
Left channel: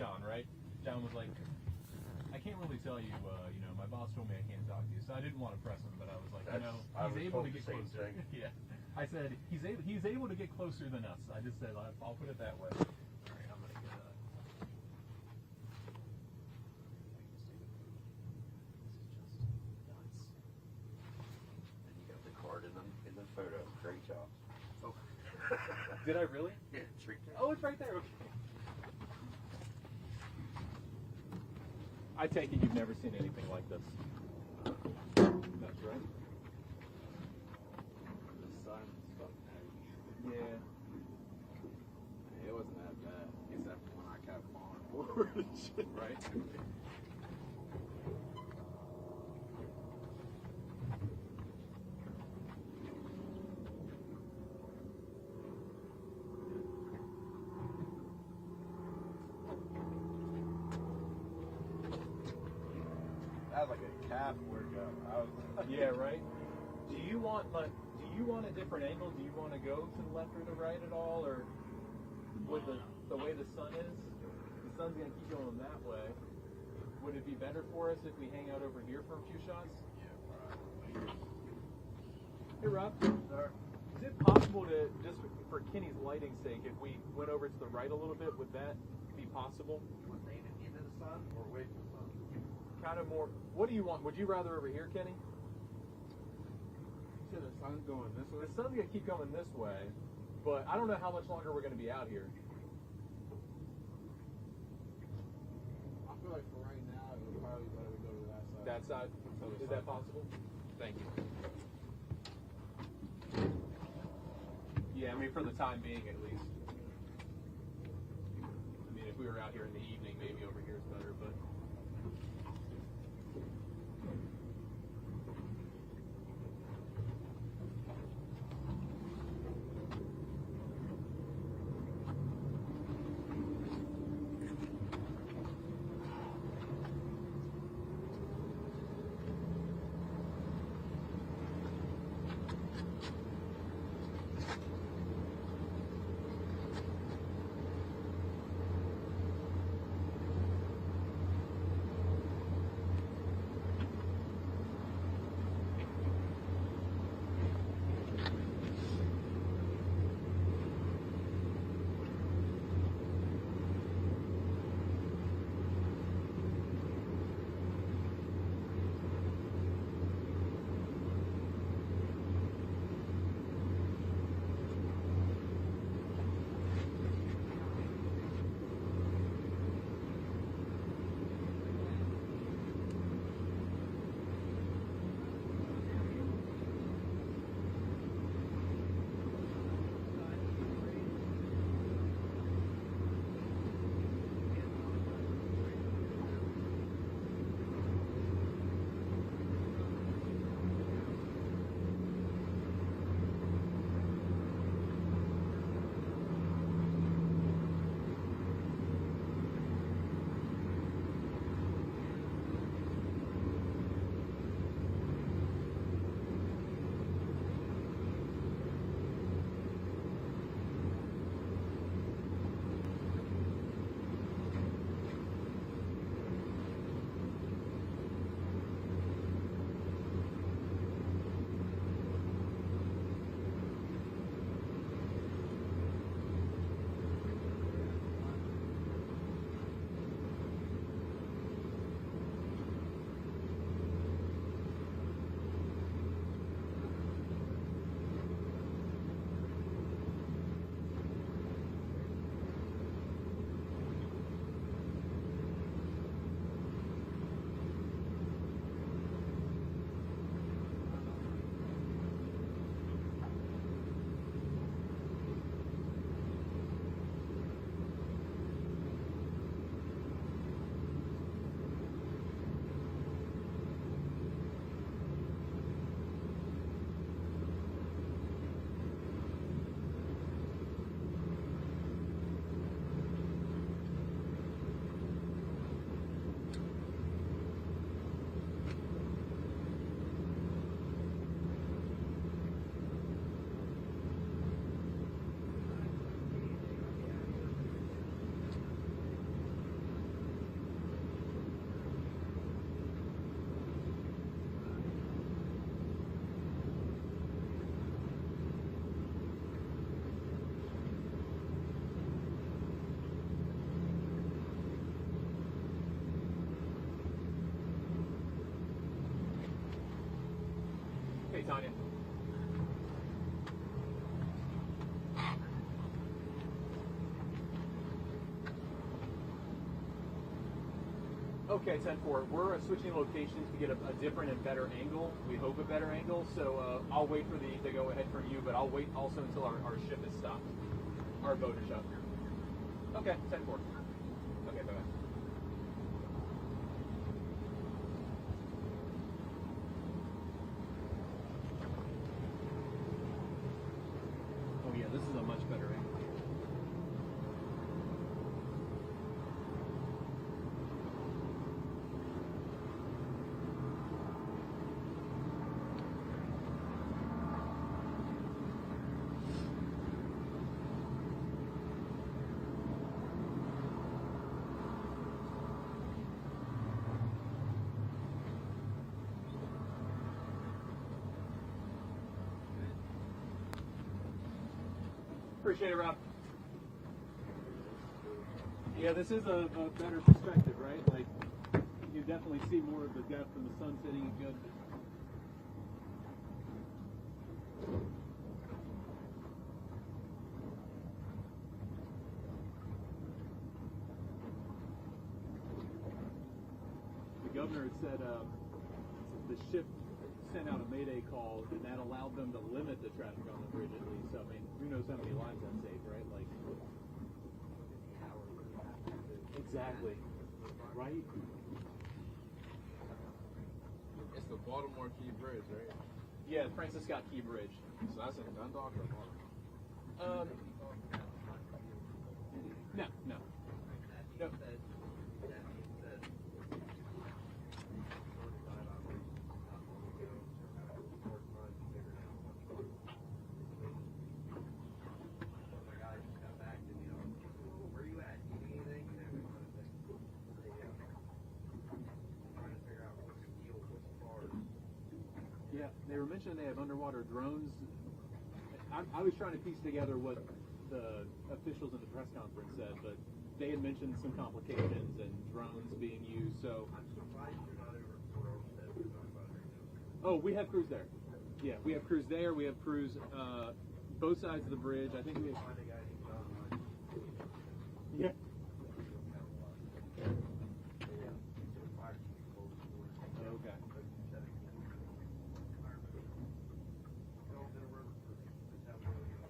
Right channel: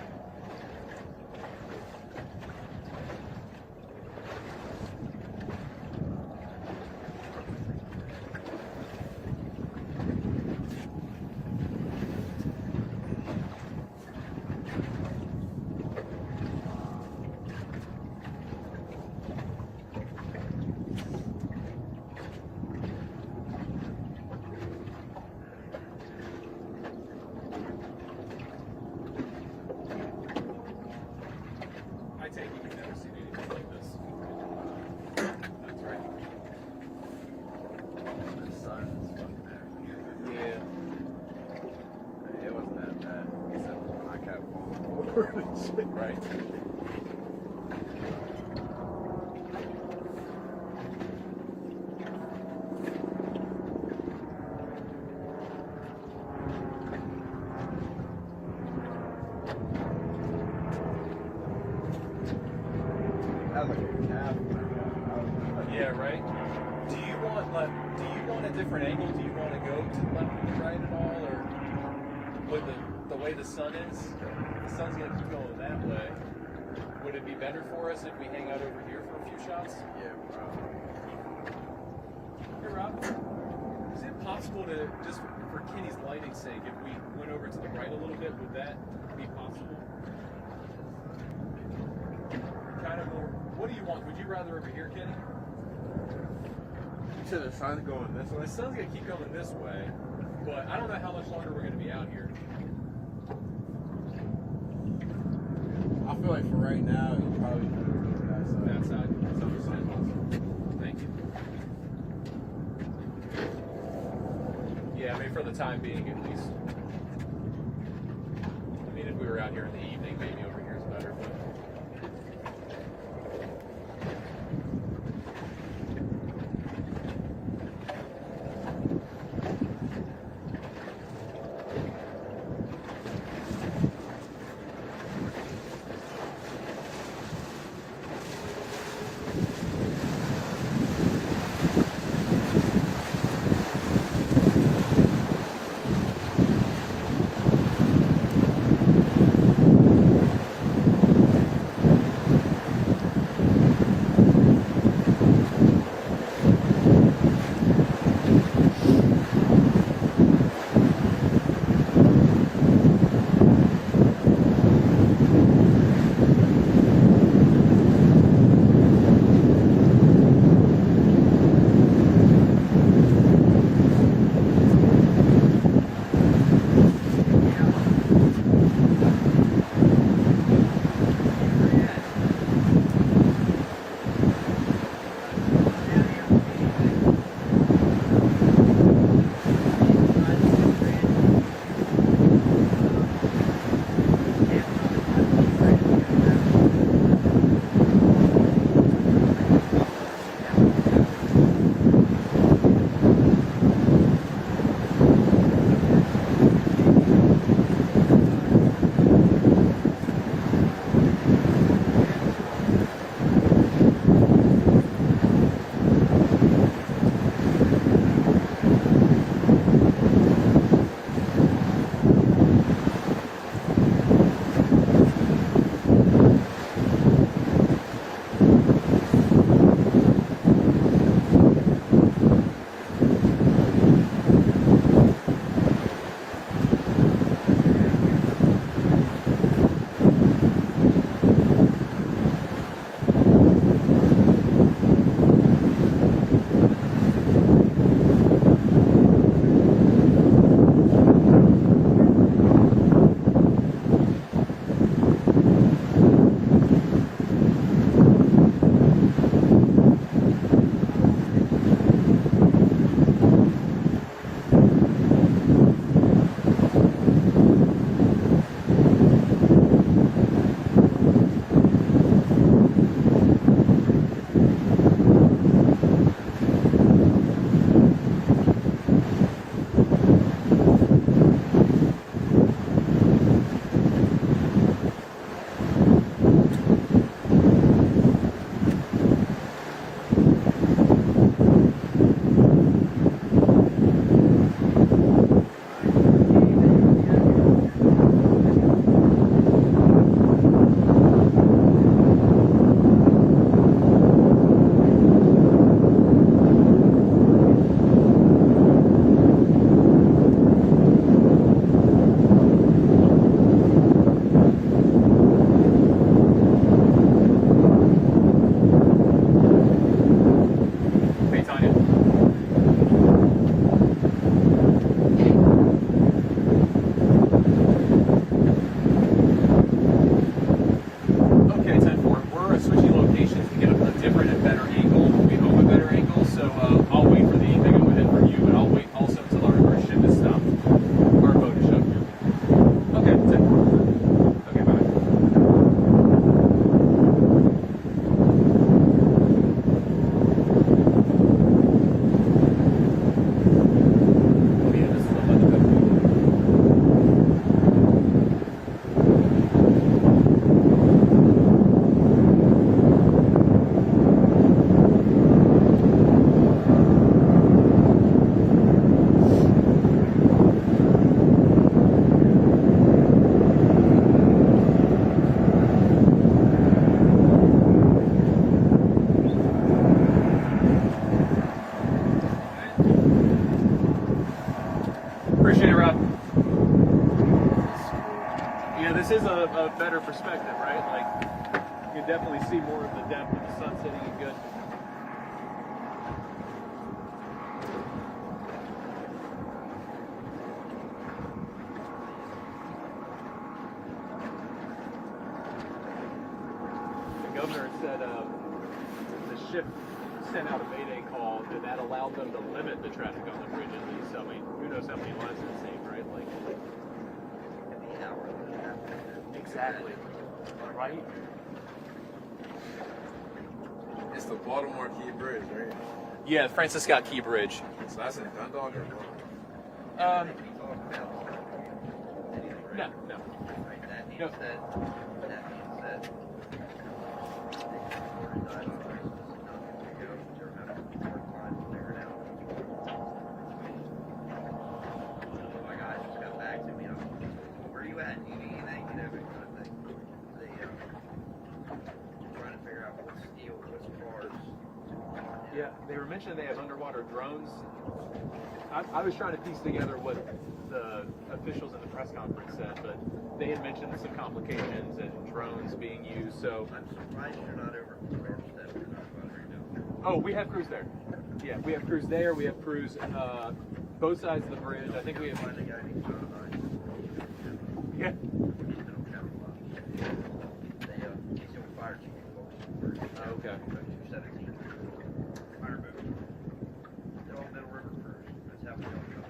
John, right? And I was like, I can't really tell you. I didn't want to. I mean, what did we say? I said, he did want to be close to the nuts. Did I really? Oh, it's right there. I take it you've never seen anything like this. That's right. The sun is fucking there. Yeah. It wasn't that bad. Except when I kept falling forward and shit. Right. Yeah, right. Do you want a different angle? Do you want to go to the left or the right at all, or with the way the sun is? The sun's gonna keep going that way. Would it be better for us if we hang out over here for a few shots? Yeah, probably. Hey, Rob. Is it possible to, just for Kenny's lighting's sake, if we went over to the right a little bit, would that be possible? Kind of more. What do you want? Would you rather over here, Kenny? You said the sun's going this way? The sun's going to keep going this way, but I don't know how much longer we're going to be out here. I feel like for right now, you probably better go to that side. That side? That's possible. Thank you. Yeah, I mean, for the time being, at least. I mean, if we were out here in the evening, maybe over here is better, but... a better perspective, right? Like, you can definitely see more of the depth of the sun setting and good. The governor said the ship sent out a mayday call that allowed them to limit the traffic on the bridge at least. So, I mean, who knows how many lives it saved, right? Like, exactly. Right? It's the Baltimore Key Bridge, right? Yeah, Francis Scott Key Bridge. So that's in Dundalk or what? No, no. No. Yeah, they were mentioning they have underwater drones. I was trying to piece together what the officials in the press conference said, but they had mentioned some complications and drones being used, so... I'm surprised you're not over Rorschach right now. Oh, we have crews there. Yeah, we have crews there. We have crews both sides of the bridge. I think we have... Find a guy named John Hines. Yeah. He's the fire chief. Okay. 217. Fire boat. They're all Middle River crews. That's how we don't know.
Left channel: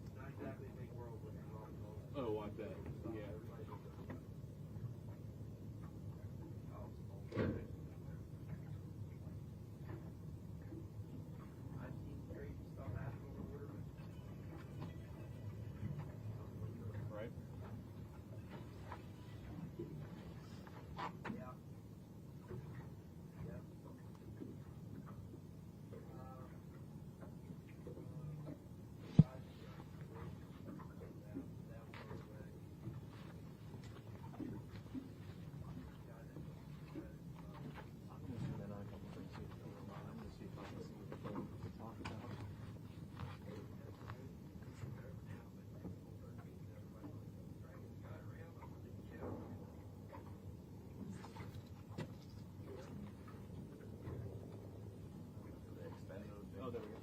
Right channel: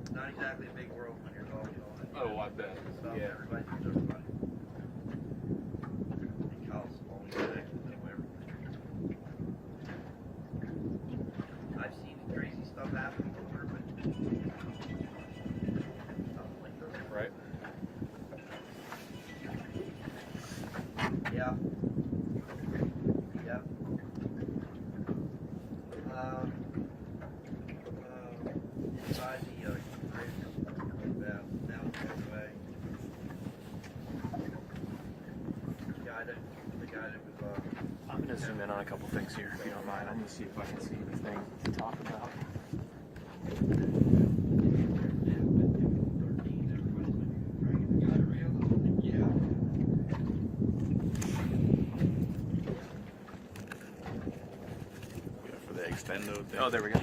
It's not exactly a big world when you're logging all that. Oh, I bet. Yeah. Everybody knows everybody. And Kyle's always connected to everything. I've seen crazy stuff happen before, but nothing like this. Right. Yeah. Yeah. Inside the bridge, now it's going away. The guy that was I'm going to zoom in on a couple things here, if you don't mind. I'm going to see if I can see anything to talk about. For the extendo thing. Oh, there we go.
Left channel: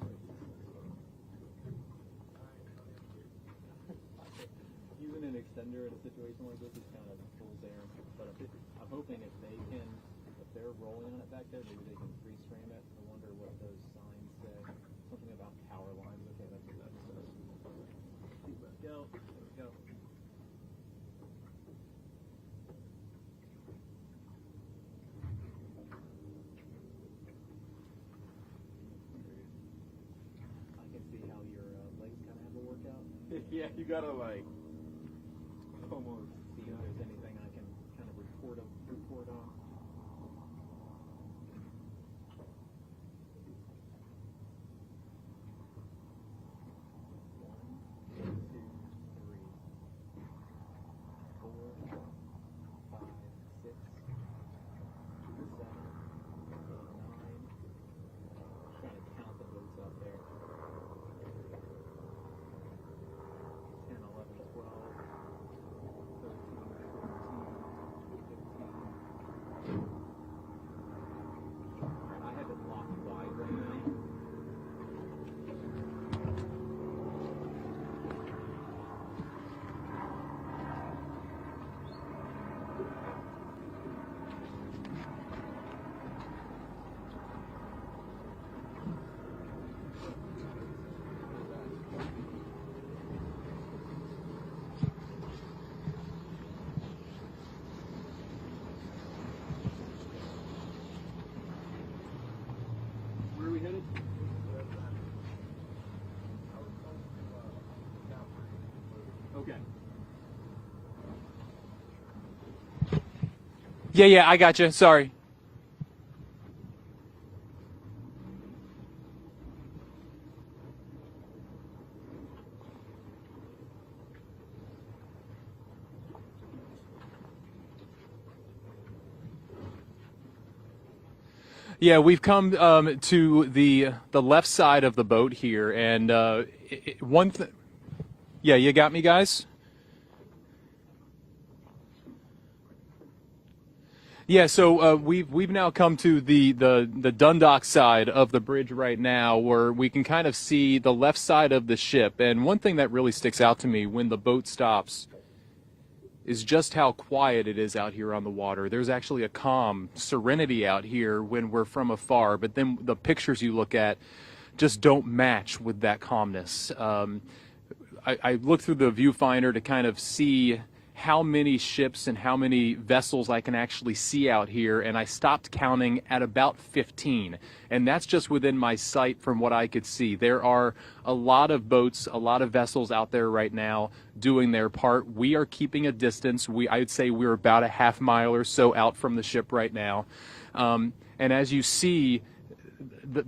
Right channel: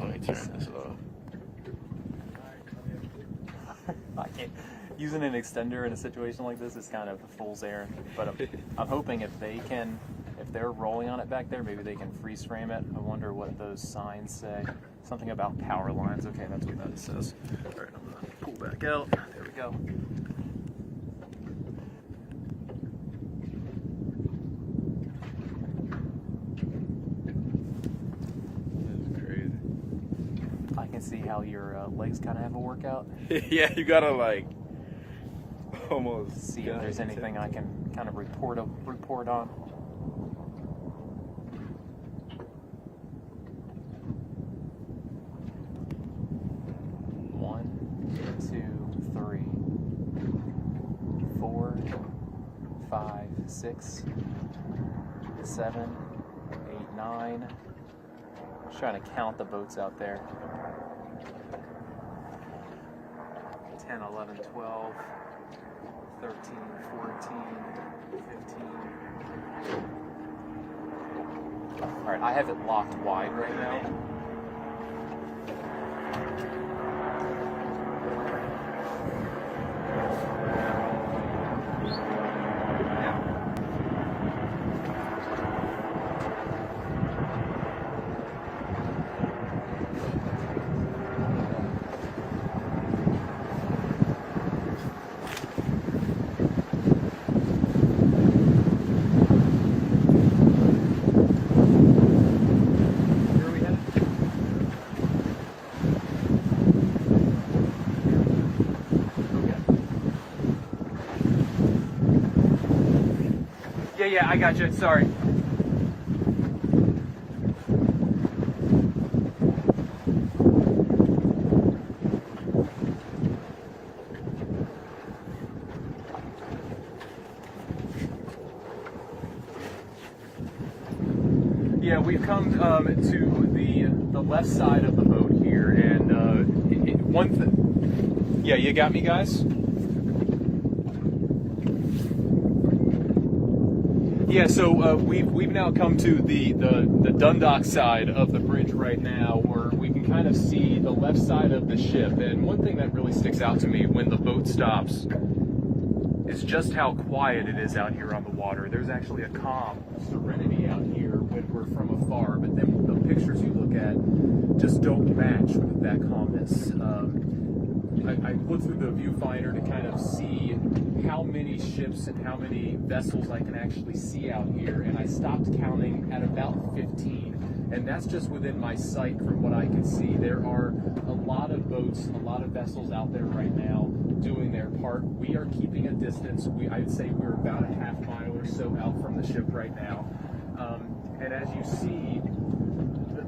Let me turn this off. Using an extender in a situation like this is kind of a fool's errand, but I'm hoping if they're rolling on it back there, maybe they can freeze frame it. I wonder what those signs say. Something about power lines. Okay, that's what that says. All right, I'm gonna pull back out. There we go. That's crazy. I can see how your legs kind of have a workout. Yeah, you gotta like almost see if there's anything I can kind of report on. 1, 2, 3, 4, 5, 6, 7, 8, 9. Just trying to count the boats out there. 10, 11, 12, 13, 14, 15. All right, I have it locked wide right now. Yeah, I got you. Sorry. Yeah, we've come to the left side of the boat here, and Yeah, you got me, guys? Yeah, so we've now come to the Dundalk side of the bridge right now, where we can kind of see the left side of the ship. And one thing that really sticks out to me when the boat stops is just how quiet it is out here on the water. There's actually a calm serenity out here when we're from afar, but then the pictures you look at just don't match with that calmness. I looked through the viewfinder to kind of see how many ships and how many vessels I can actually see out here, and I stopped counting at about 15. And that's just within my sight from what I could see. There are a lot of boats, a lot of vessels out there right now doing their part. We are keeping a distance. I would say we're about a half mile or so out from the ship right now. And as you see,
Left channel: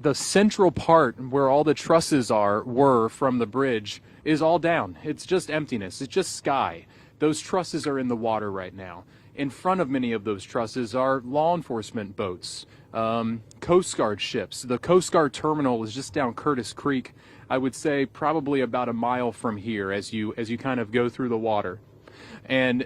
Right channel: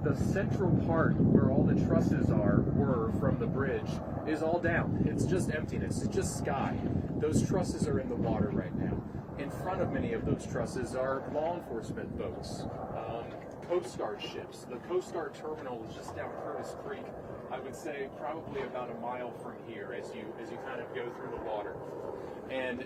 the central part where all the trusses were from the bridge is all down. It's just emptiness. It's just sky. Those trusses are in the water right now. In front of many of those trusses are law enforcement boats, Coast Guard ships. The Coast Guard terminal is just down Curtis Creek. I would say probably about a mile from here as you kind of go through the water. And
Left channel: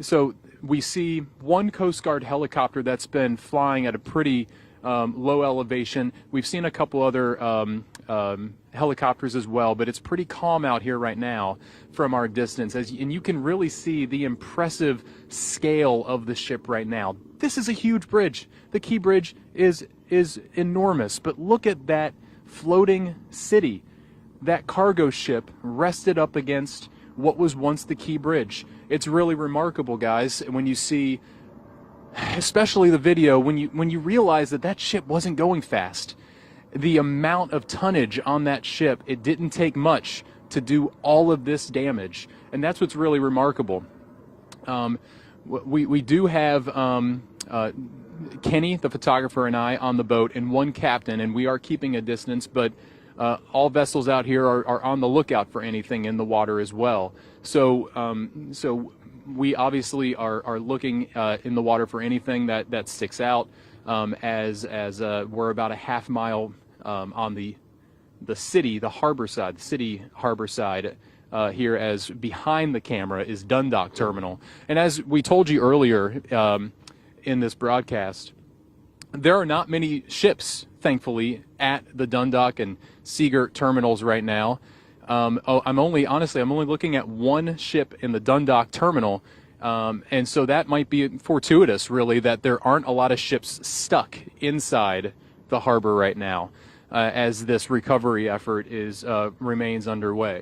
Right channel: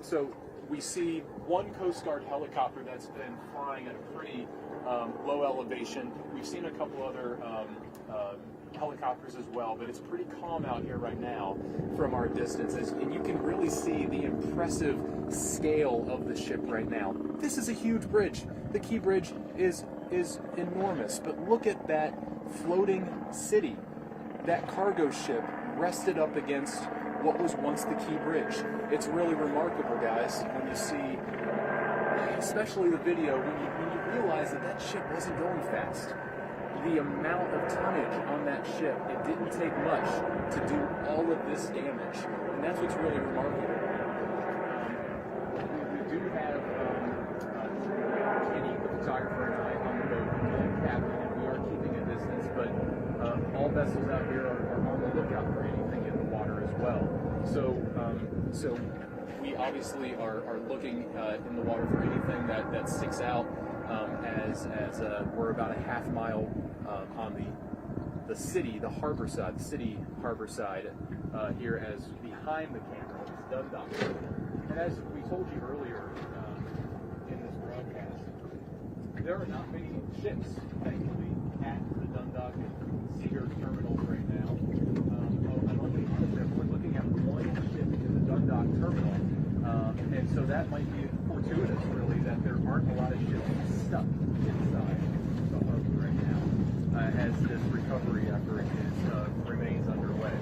so we see one Coast Guard helicopter that's been flying at a pretty low elevation. We've seen a couple other helicopters as well, but it's pretty calm out here right now from our distance, and you can really see the impressive scale of the ship right now. This is a huge bridge. The Key Bridge is enormous, but look at that floating city. That cargo ship rested up against what was once the Key Bridge. It's really remarkable, guys, when you see, especially the video, when you realize that ship wasn't going fast. The amount of tonnage on that ship, it didn't take much to do all of this damage, and that's what's really remarkable. We do have Kenny, the photographer, and I on the boat, and one captain, and we are keeping a distance, but all vessels out here are on the lookout for anything in the water as well. So we obviously are looking in the water for anything that sticks out, as we're about a half mile on the city harbor side here, as behind the camera is Dundalk Terminal. And as we told you earlier in this broadcast, there are not many ships, thankfully, at the Dundalk and Seagirt terminals right now. I'm only looking at one ship in the Dundalk terminal, and so that might be fortuitous, really, that there aren't a lot of ships stuck inside the harbor right now, as this recovery effort remains underway.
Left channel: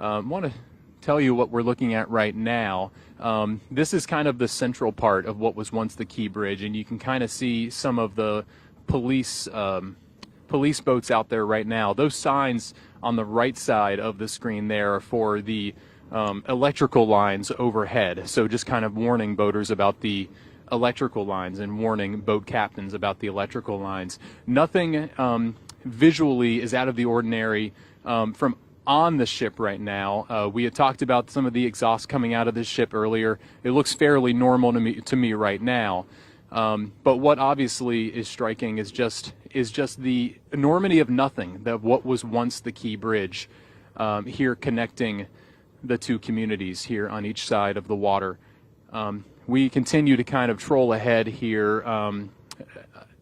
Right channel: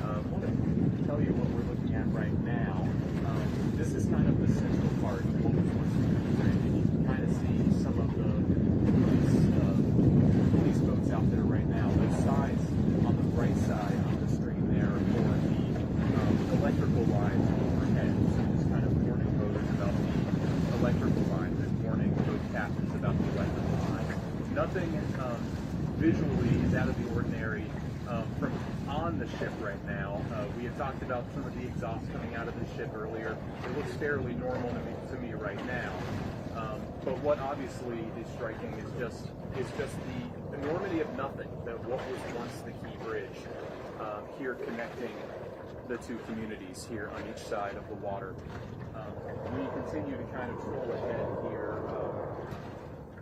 I want to tell you what we're looking at right now. This is kind of the central part of what was once the Key Bridge, and you can kind of see some of the police boats out there right now. Those signs on the right side of the screen there are for the electrical lines overhead, so just kind of warning boaters about the electrical lines and warning boat captains about the electrical lines. Nothing visually is out of the ordinary from on the ship right now. We had talked about some of the exhaust coming out of the ship earlier. It looks fairly normal to me right now. But what obviously is striking is just the enormity of nothing, of what was once the Key Bridge, here connecting the two communities here on each side of the water. We continue to kind of troll ahead here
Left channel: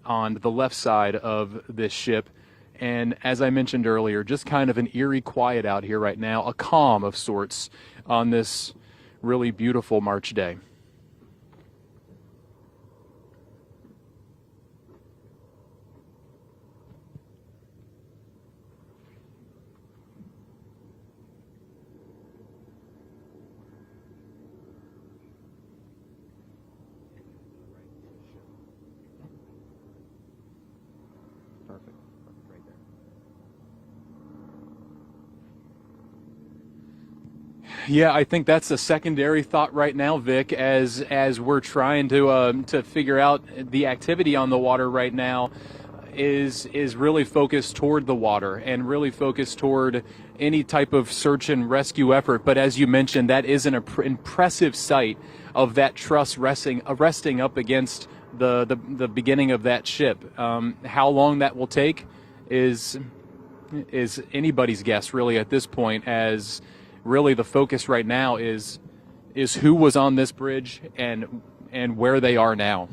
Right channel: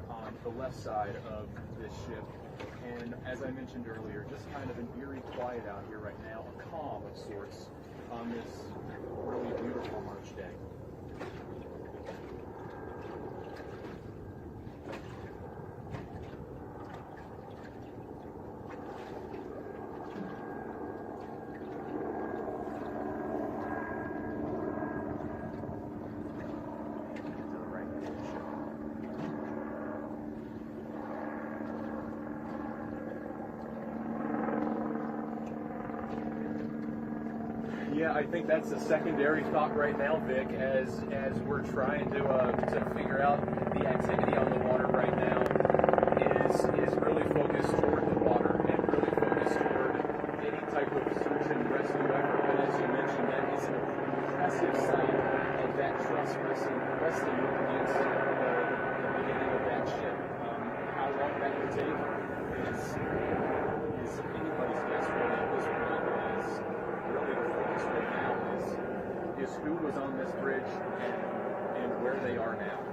on the left side of this ship. And as I mentioned earlier, just kind of an eerie quiet out here right now, a calm of sorts on this really beautiful March day. Yeah, I think that's a secondary thought right now, Vic, as we're trying to figure out the activity on the water right now is really focused toward the water and really focused toward any type of search and rescue effort. But as you mentioned, that is an impressive sight of that truss resting up against the beginning of that ship. How long that will take is anybody's guess, really, at this point, as really the focus right now is who was on this bridge and where they are now.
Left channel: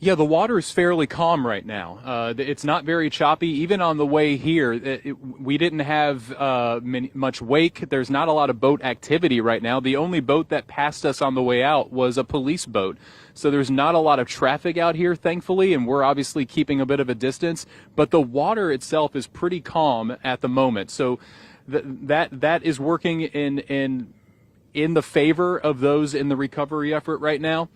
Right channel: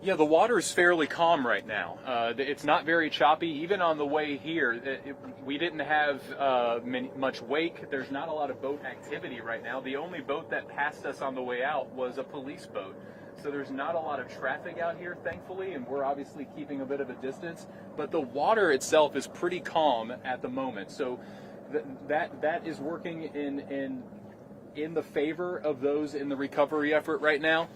Yeah, the water is fairly calm right now. It's not very choppy. Even on the way here, we didn't have much wake. There's not a lot of boat activity right now. The only boat that passed us on the way out was a police boat. So there's not a lot of traffic out here, thankfully, and we're obviously keeping a bit of a distance. But the water itself is pretty calm at the moment. So that is working in the favor of those in the recovery effort right now.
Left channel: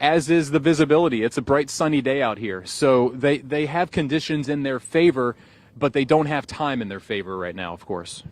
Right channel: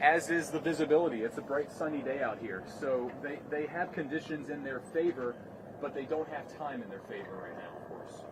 As is the visibility. It's a bright sunny day out here. So they have conditions in their favor, but they don't have time in their favor right now, of course.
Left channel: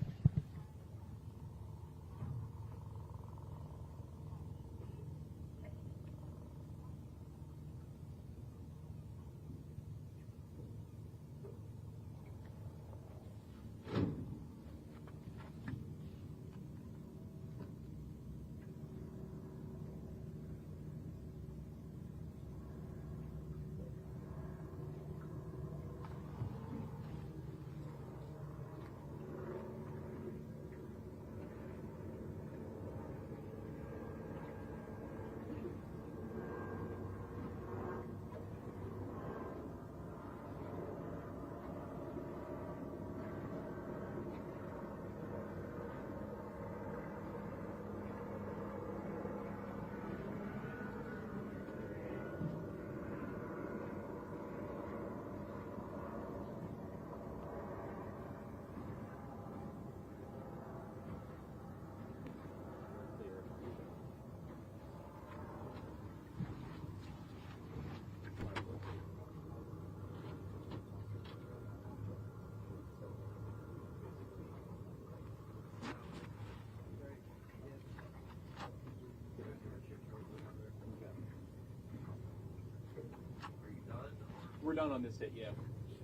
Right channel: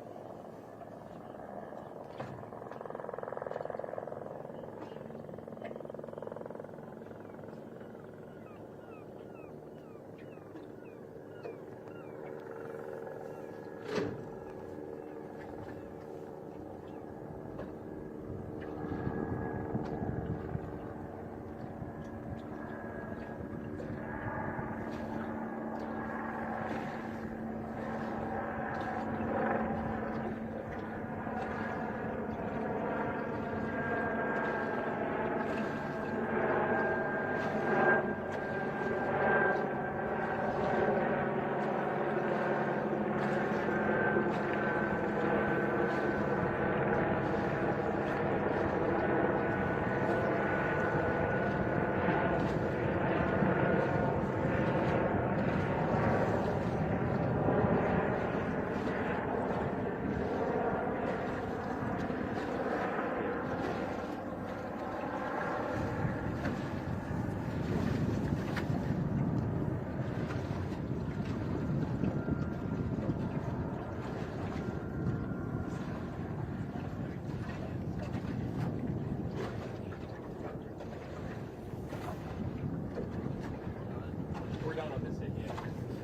Done on this hit yet.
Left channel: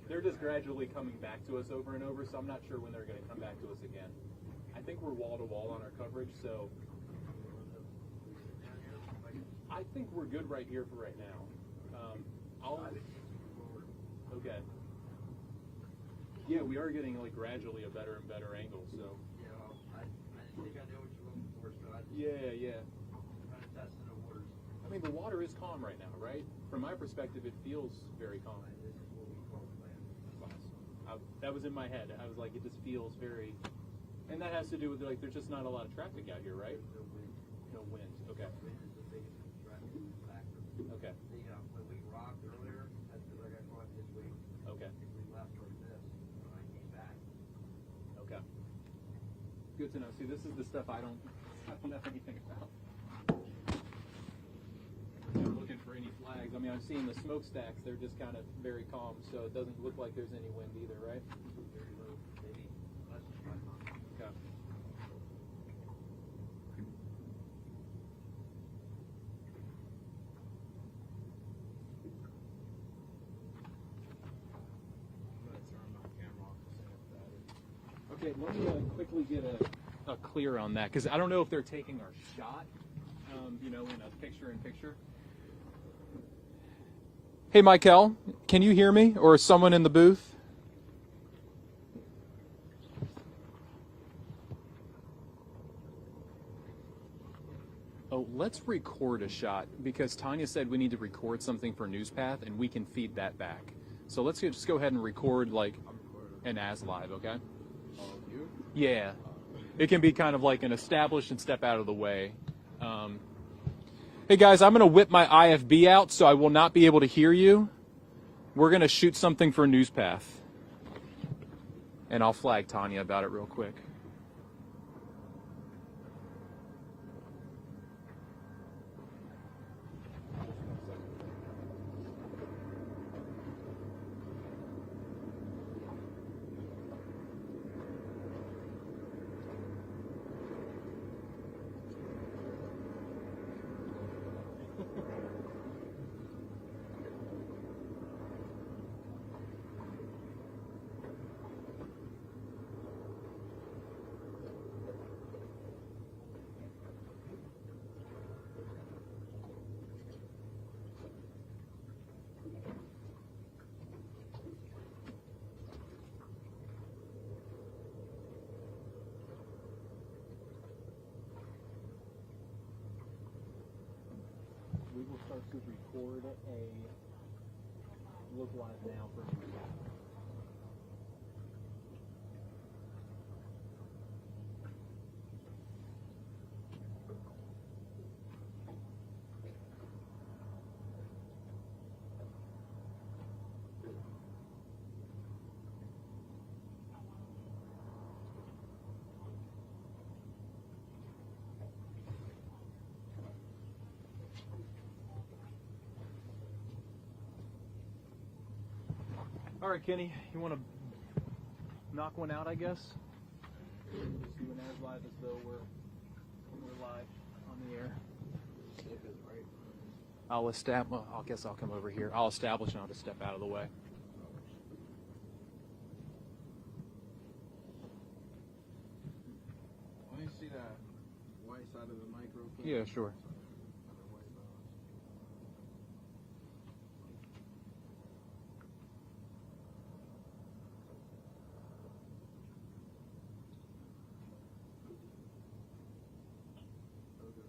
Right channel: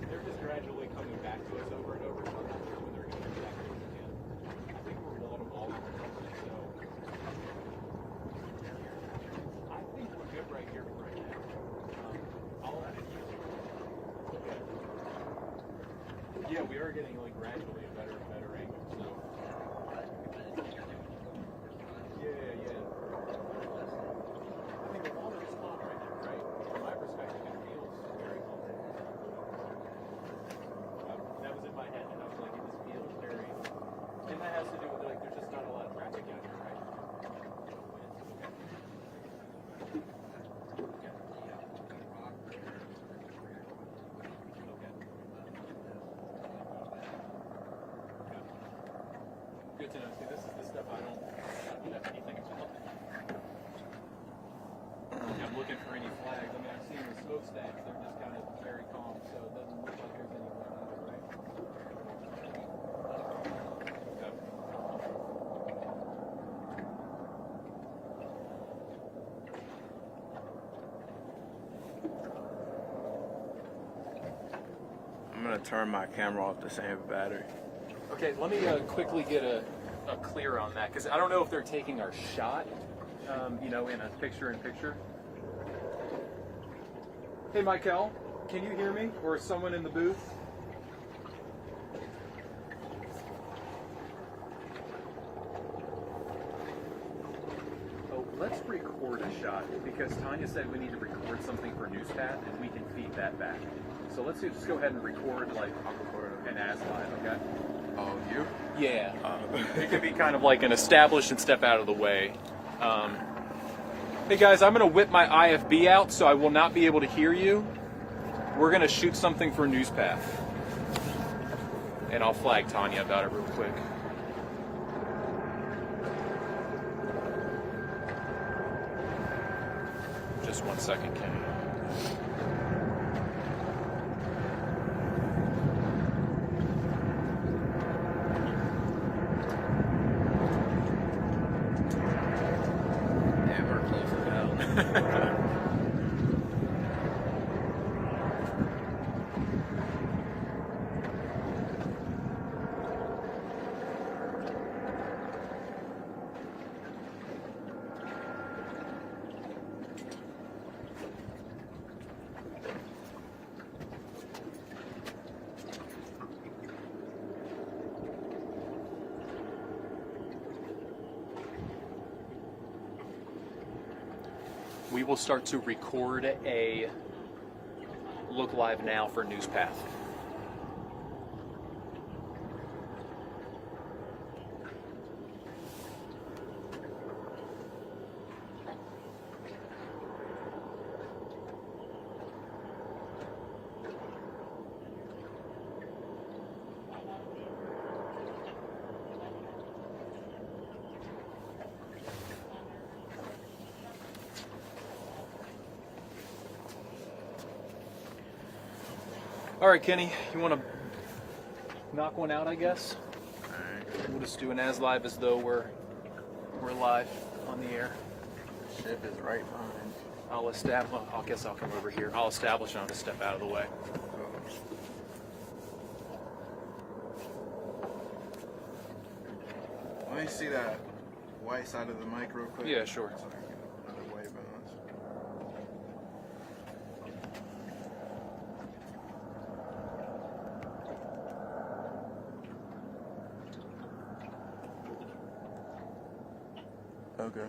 They're just gradually coming back to us over and over, so I'm not sure when they're going to come back to us again. I think we're wall to wall on the coverage, so I think we're good right here for right now. Okay. Yeah, we are getting like gradually a better angle, so. Yeah. I mean, the water is calm right now, right? From my perspective, it feels very calm. That was in my head, and I was like, it just feels very, and that has to do with like, there's just not a lot of traffic out here, right? Okay. Good to know. See, this is the stuff I don't know anything about. I'm looking for any flags. I mean, I'm seeing the smokestacks. They're just kind of very calm, so it doesn't look like there's any wind either, right? Okay. I'm going to turn my camera off to save battery. Okay, let me quickly get a clear on that, because I don't know if they're taking our shot, in a picture-in-picture. Hey, Michael, can you hear me, or someone in the booth? Oh, let's record a shot, because Tanya said we need to record something for Newspath, and we can feed that back. So let's just go ahead and record, like, an as live, okay? Oh, you? Yeah. It can be kind of like an establish and step out of the way. Hey guys, I'm going to whip my IFB out, so I will not be able to hear you. We're going to shoot something for Newspath. And I'll flag Tanya about it real quick. Just 1 second, Kenny. we will start to record a look live now for NewsPath. All right, Kenny, you want to knock one out, I guess? All right. We'll just do an as live as though we're live on the air. The ship is right behind. I'll establish. I guess I'll come over here. I'll establish and I'll just step out of the way. Let me see that white side of the mic real quick. Yeah, sure. So I can get another white balance. Okay.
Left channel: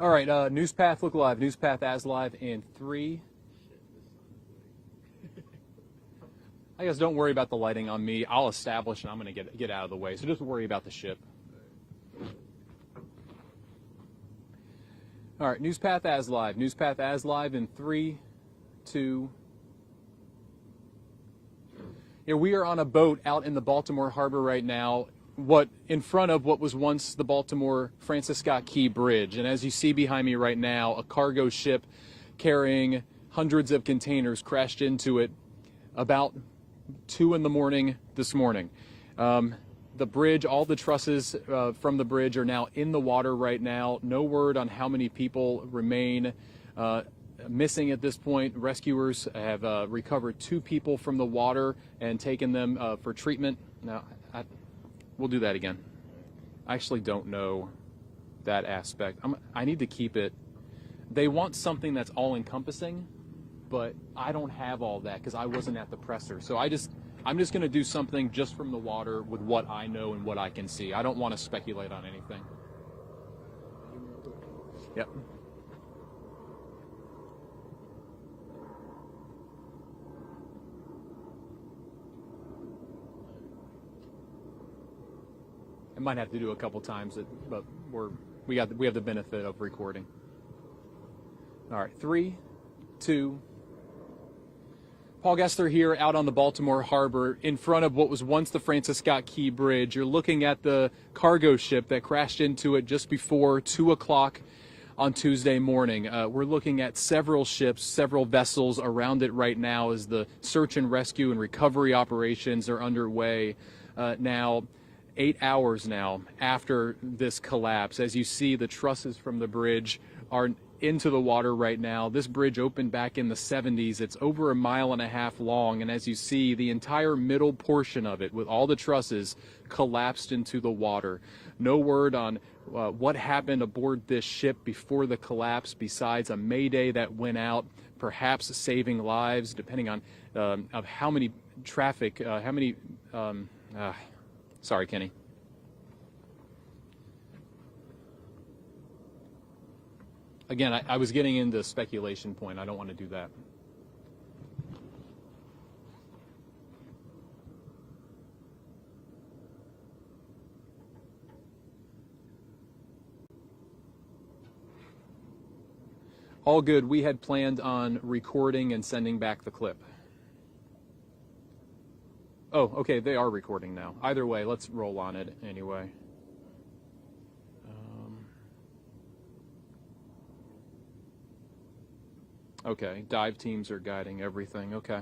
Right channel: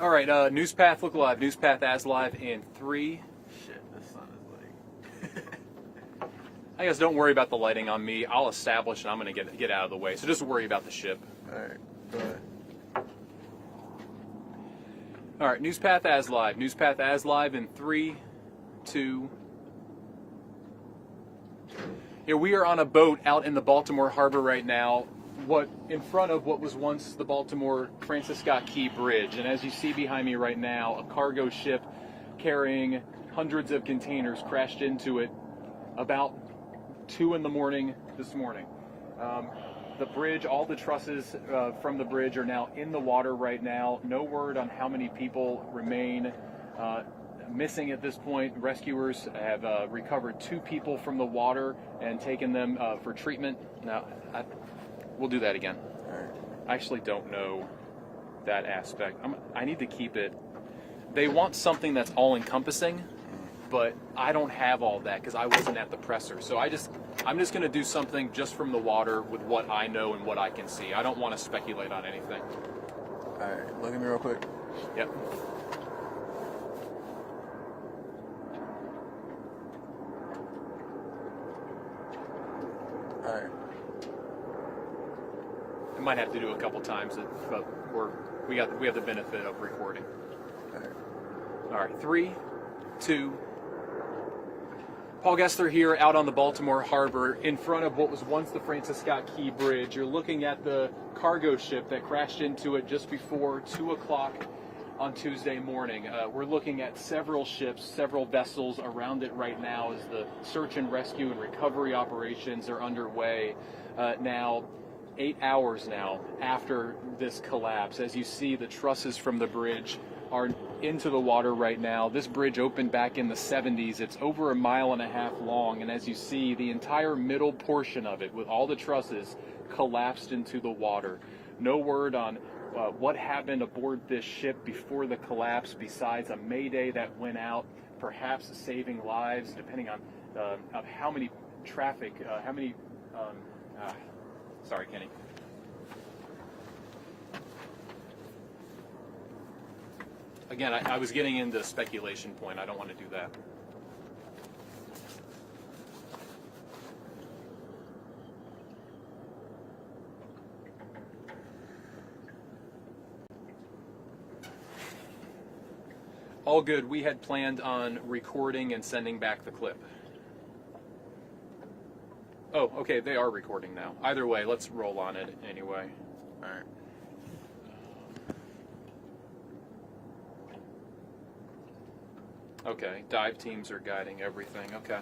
All right, NewsPath look live. NewsPath as live in 3. Shit, the sun is like. I guess don't worry about the lighting on me. I'll establish and I'm going to get out of the way. So just worry about the ship. All right, go ahead. All right, NewsPath as live. NewsPath as live in 3, 2. Yeah, we are on a boat out in the Baltimore harbor right now. In front of what was once the Baltimore Francis Scott Key Bridge. And as you see behind me right now, a cargo ship carrying hundreds of containers crashed into it about 2 in the morning this morning. The bridge, all the trusses from the bridge are now in the water right now. No word on how many people remain missing at this point. Rescuers have recovered 2 people from the water and taken them for treatment. Now, we'll do that again. I actually don't know that aspect. I need to keep it. They want something that's all-encompassing, but I don't have all that because I wasn't at the presser. So I'm just going to do something just from the water with what I know and what I can see. I don't want to speculate on anything. All right, look at me real quick. Yep. All right. I might have to do a couple times, but we have the benefit of recording. All right, 3, 2. Paul Gessler here out on the Baltimore harbor in front of what was once the Francis Scott Key Bridge. You're looking at the cargo ship that crashed into it just before 2 o'clock on Tuesday morning. We're looking at several ships, several vessels around it right now as the search and rescue and recovery operations are underway. Now, 8 hours now after this collapse, as you see, the trusses from the bridge are into the water right now. This bridge opened back in the 70s. It's over 1.5 miles long, and as you see, the entire middle portion of it with all the trusses collapsed into the water. No word on what happened aboard this ship before the collapse besides a mayday that went out, perhaps saving lives depending on of how many traffic, sorry, Kenny. Again, I was getting into speculation point. I don't want to do that. All good. We had planned on recording and sending back the clip. Oh, okay. They are recording now. Either way, let's roll on it anyway. All right. Okay, dive teams are guiding everything. Okay.